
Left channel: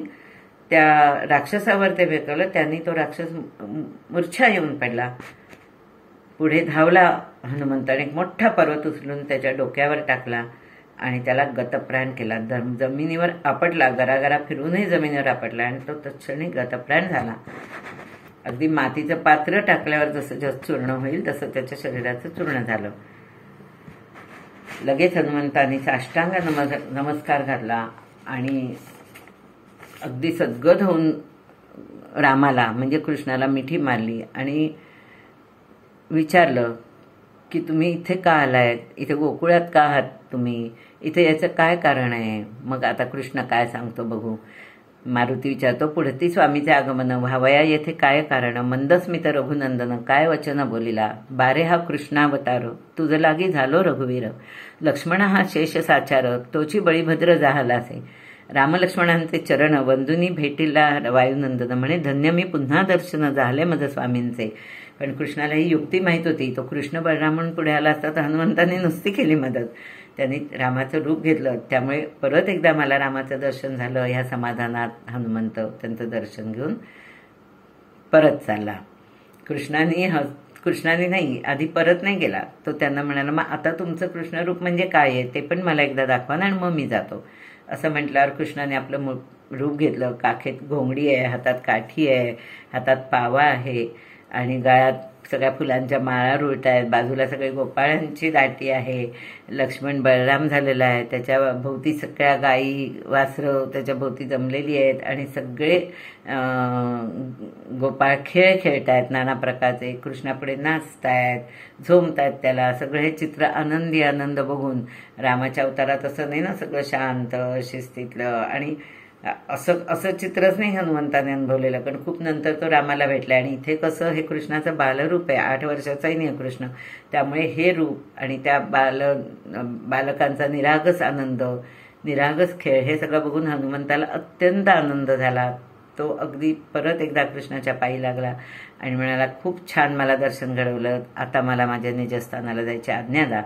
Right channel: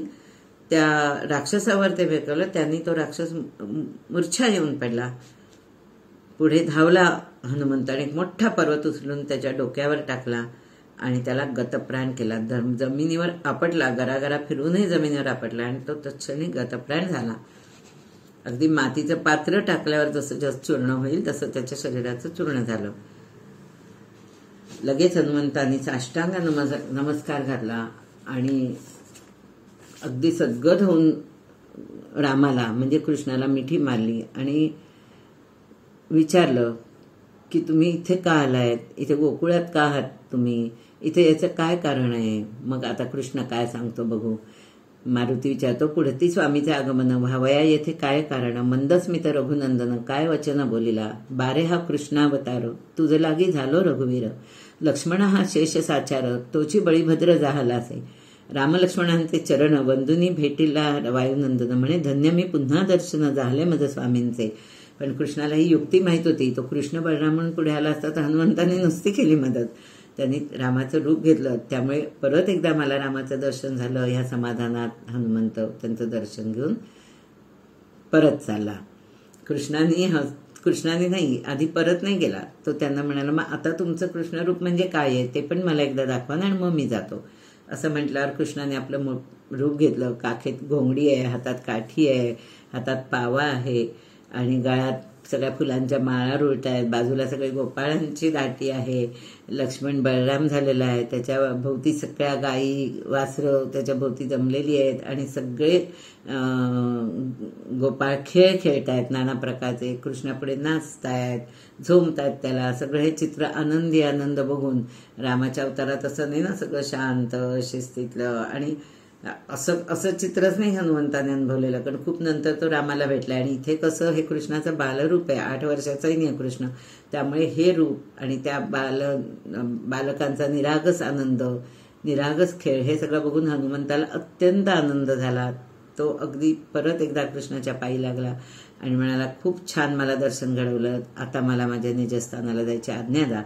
त्या राक्षसावर ते भिरकावलं. त्यांनी तो राक्षस मूर्छा येऊन पडला. पुढे धावला हनुमंत आणि एक मोठा पर्वत उचलून त्याच्या डोक्यावर टाकला आणि त्याला गतप्राण केला. जमिनीवर आपटला, गरागरा फिरूनही जमिनीवर आपटला आणि तो तत्क्षणी गतप्राण झाला. अगदी मातीचं पात्र टाकल्यावर जसं जस चूर्ण होईल तसं त्याच्या शरीराचं चूर्ण झालं. लगेच हनुमंतांनी साष्टांग नमस्कार घातला आणि अगदी सद्गत होऊन रामाला म्हणजे कृष्णाला मिठी मारली आणि विचारलं की तुम्ही इथे का आलायत, इथे गोकुळात का आहात तुम्ही, इथे याचं काय कारण आहे. मग आता कृष्ण काय सांगतो बघू. मारुती विचारतो, पुढती स्वामीचे आगमन व्हावया येथे काय कारण, मंदस्मित रघुनंदन काय वचन बोलिला, बारे हा कृष्णावतार तुझ लागी झालो रघुवीर, लक्ष्मण हा शेष साचार तोची बळीभद्र जाहलासे, रामलक्ष्मणांचे चरण वंदुनी भेटीला वायुनंदन म्हणे, धन्य मी पुन्हा दर्शन झाले मज स्वामींचे. पण कृष्णाला ही युक्ती माहीत होती. तो कृष्ण बलराम म्हणून पुढे आला असता तर हनुमंताने नुसती केली मदत. त्यांनी रामाचं रूप घेतलं, त्यामुळे परत एकदा मला रामाचं दर्शन झालं. ह्या समाधानात हनुमंत त्यांचं दर्शन घेऊन परत चालला. कृष्णाने नाही, आधी परत नाही गेला. तो त्यांना म्हणाला, मग आता तुमचं कृष्णरूप म्हणजे काय आहे ते पण मला एकदा दाखवा ना, आणि मग मी जातो. असं म्हटल्यावर कृष्णाने आपलं रूप घेतलं. काखेत घोंगडी आहे, हातात काठी आहे, हातात पावा आहे आणि गळ्यात सगळ्या फुलांच्या माळा रुळत आहेत. बाजूला सगळे गोपाळांची दाटी आहे. लक्ष्मण बलराम झालेला आहे. त्याच्या भोवती सगळ्या गायी वासरं त्याच्या भोवती जमलेली आहेत आणि सगळे गोपाळ खेळ खेळत आहेत नाना प्रकारचे. कृष्णापुढे नाचतायत, झोमतायत त्याला. सगळं हे चित्र आनंदी आनंद बघून, रामाच्या अवतारात असं नाही ना सगळं शांत शिस्तीतलं, आणि असं चित्रच नाही हनुमंताने अनुभवलेलं. कारण खूप नंतर तो रामाला भेटला आणि इथे कसं हे कृष्णाचं बालरूप आहे. 8 वर्षाचाही नाही कृष्ण, त्यामुळे हे रूप आणि त्या बालकांचा निरागस आनंद, निरागस खेळ हे सगळं बघून हनुमंताला अत्यंत आनंद झाला. तो अगदी परत एकदा कृष्णाच्या पायी लागला आणि म्हणाला, खूप छान मला दर्शन घडवलं, आता मला माझ्या निजस्थानाला जायची आज्ञा द्या.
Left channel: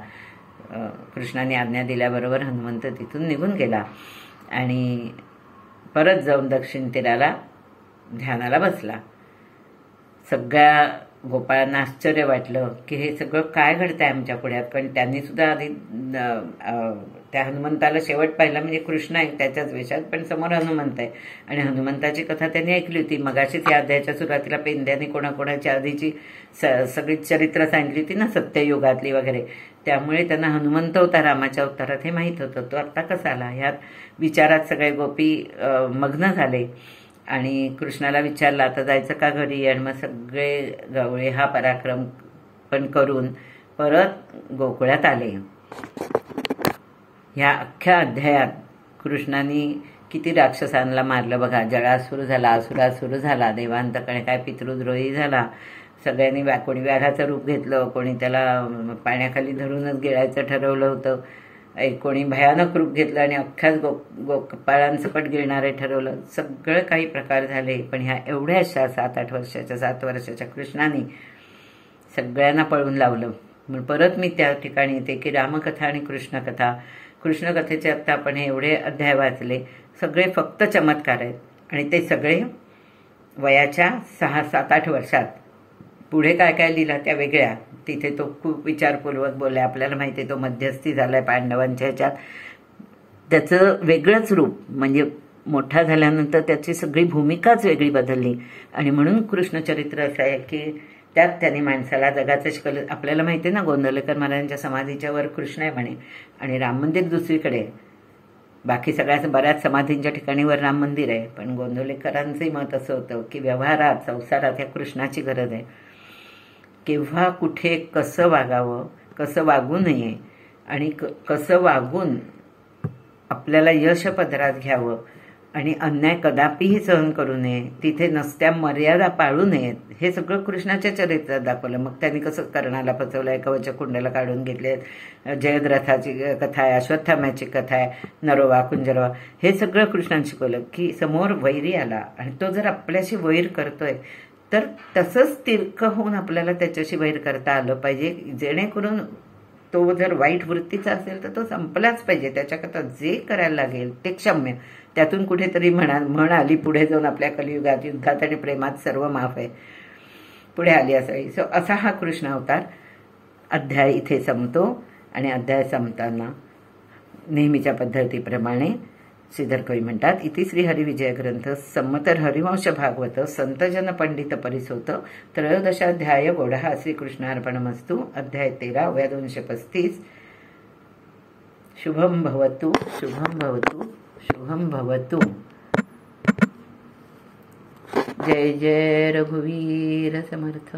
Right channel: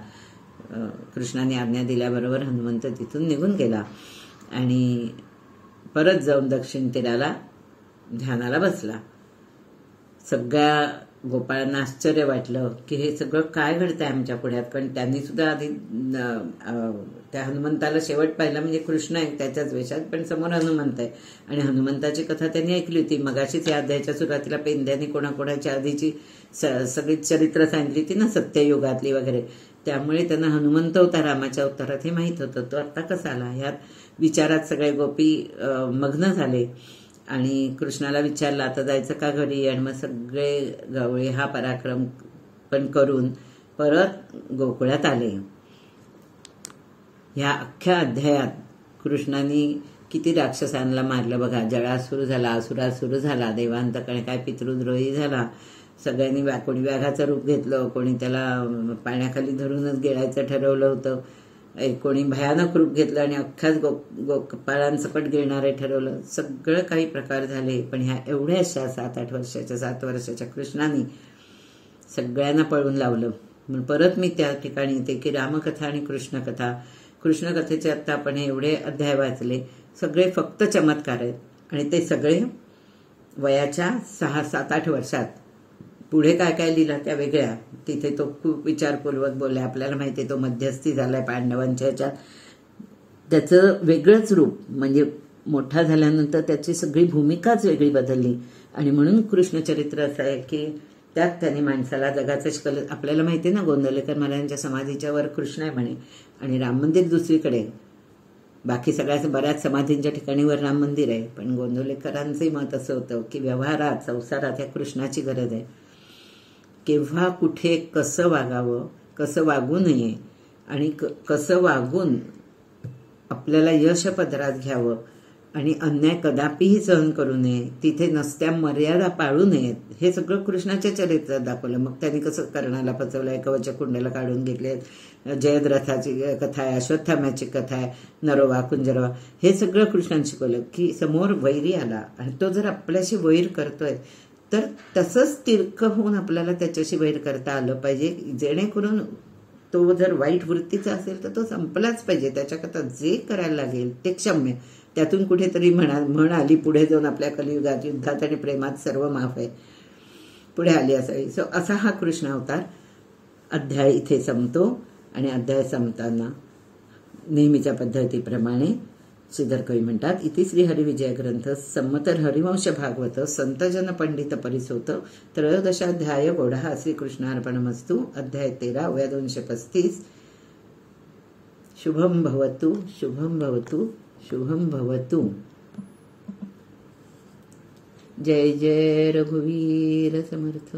कृष्णाने आज्ञा दिल्याबरोबर हनुमंत तिथून निघून गेला आणि परत जाऊन दक्षिण तीराला ध्यानाला बसला. सगळ्या गोपाळांना आश्चर्य वाटलं की हे सगळं काय घडतंय आमच्या पुढ्यात. कारण त्यांनी सुद्धा आधी त्या हनुमंताला शेवट पाहिला, म्हणजे कृष्ण आहे त्याच्याच वेशात, पण समोर हनुमंत आहे. आणि हनुमंताची कथा त्यांनी ऐकली होती. मगाशीच या अध्यायाच्या सुरुवातीला पेंद्याने कोणाकोणाच्या आधीची सगळी चरित्र सांगितली होती ना, सत्ययुगातली वगैरे. त्यामुळे त्यांना हनुमंत होता रामाच्या अवतारात हे माहीत होतं. तो आत्ता कसा आला ह्यात विचारात सगळे गोपी मग्न झाले आणि कृष्णाला विचारलं, आता जायचं का घरी. आणि मग सगळे गवळे हा पराक्रम पण करून परत गोकुळात आले. ह्या अख्ख्या अध्यायात कृष्णाने किती राक्षसांना मारलं बघा. जळासूर झाला, असुरासूर झाला, देवांतकडे काय पितृद्रोही झाला. सगळ्यांनी कोणी व्याघाचं रूप घेतलं, कोणी त्याला पाण्याखाली धरूनच गिळायचं ठरवलं होतं, कोणी भयानक रूप घेतलं आणि अख्ख्याच गोपाळांसकट गिळणारे ठरवलं. सगळं काही प्रकार झाले. पण ह्या एवढ्याशा 7 वर्षाच्या कृष्णाने सगळ्यांना पळून लावलं. म्हणून परत मी त्या ठिकाणी येते की रामकथा आणि कृष्णकथा. कृष्णकथेचे आत्ता आपण हे एवढे अध्याय वाचले, सगळे फक्त चमत्कार आहेत आणि ते सगळे वयाच्या 6, 7, 8 वर्षात. पुढे काय काय लिहिलं त्या वेगळ्या. तिथे तो खूप विचारपूर्वक बोललाय. आपल्याला माहिती आहे तो मध्यस्थी झालाय पांडवांच्या ह्याच्यात. त्याचं वेगळंच रूप, म्हणजे मोठा झाल्यानंतर त्याची सगळी भूमिकाच वेगळी बदलली. आणि म्हणून कृष्णचरित्र असं आहे की त्यात त्यांनी माणसाला जगाचं शिकवलं. आपल्याला माहिती आहे ना, गोंदवलेकर महाराजांच्या समाधीच्या वर कृष्ण आहे म्हणे आणि राम मंदिर दुसरीकडे. बाकी सगळ्या बऱ्याच समाधींच्या ठिकाणी वर राम मंदिर आहे. पण गोंदवलेकरांचंही मत असं होतं की व्यवहारात, संसारात या कृष्णाची गरज आहे. केव्हा कुठे कसं वागावं, कसं वागू नये आणि कसं वागून आपल्याला यश पदरात घ्यावं आणि अन्याय कदापिही सहन करू नये, तिथे नसत्या मर्यादा पाळू नयेत, हे सगळं कृष्णाच्या चरित्रात दाखवलं. मग त्यांनी कसं कर्णाला फसवलंय, कवचकुंडला काढून घेतले, जयद्रथाची कथा आहे, अश्वत्थाम्याची कथा आहे, नरोवा कुंजरवा, हे सगळं कृष्णाने शिकवलं की समोर वैरी आला आणि तो जर आपल्याशी वैर करतोय तर तसंच तिरकं होऊन आपल्याला त्याच्याशी वैर करता आलं पाहिजे, जेणेकरून तो जर वाईट वृत्तीचा असेल तर तो संपलाच पाहिजे. त्याच्याकरता जे करायला लागेल ते क्षम्य. त्यातून कुठेतरी म्हण आली पुढे जाऊन आपल्या कलियुगात, युद्धात आणि प्रेमात सर्व माफ आहे, पुढे आली असावी. सो असा हा कृष्ण अवतार. अध्याय इथे संपतो आणि अध्याय संपताना नेहमीच्या पद्धतीप्रमाणे श्रीधर कवी म्हणतात, इति श्री हरिविजय ग्रंथ संमतर हरिवंश भागवत संतजन पंडित परिसोत 13 गोढा श्रीकृष्णार्पणमस्तु. अध्याय 13 वया 235. शुभम भवतु, शुभम भवतु, शुभम भवतु. जय जय रघुवीर समर्थ.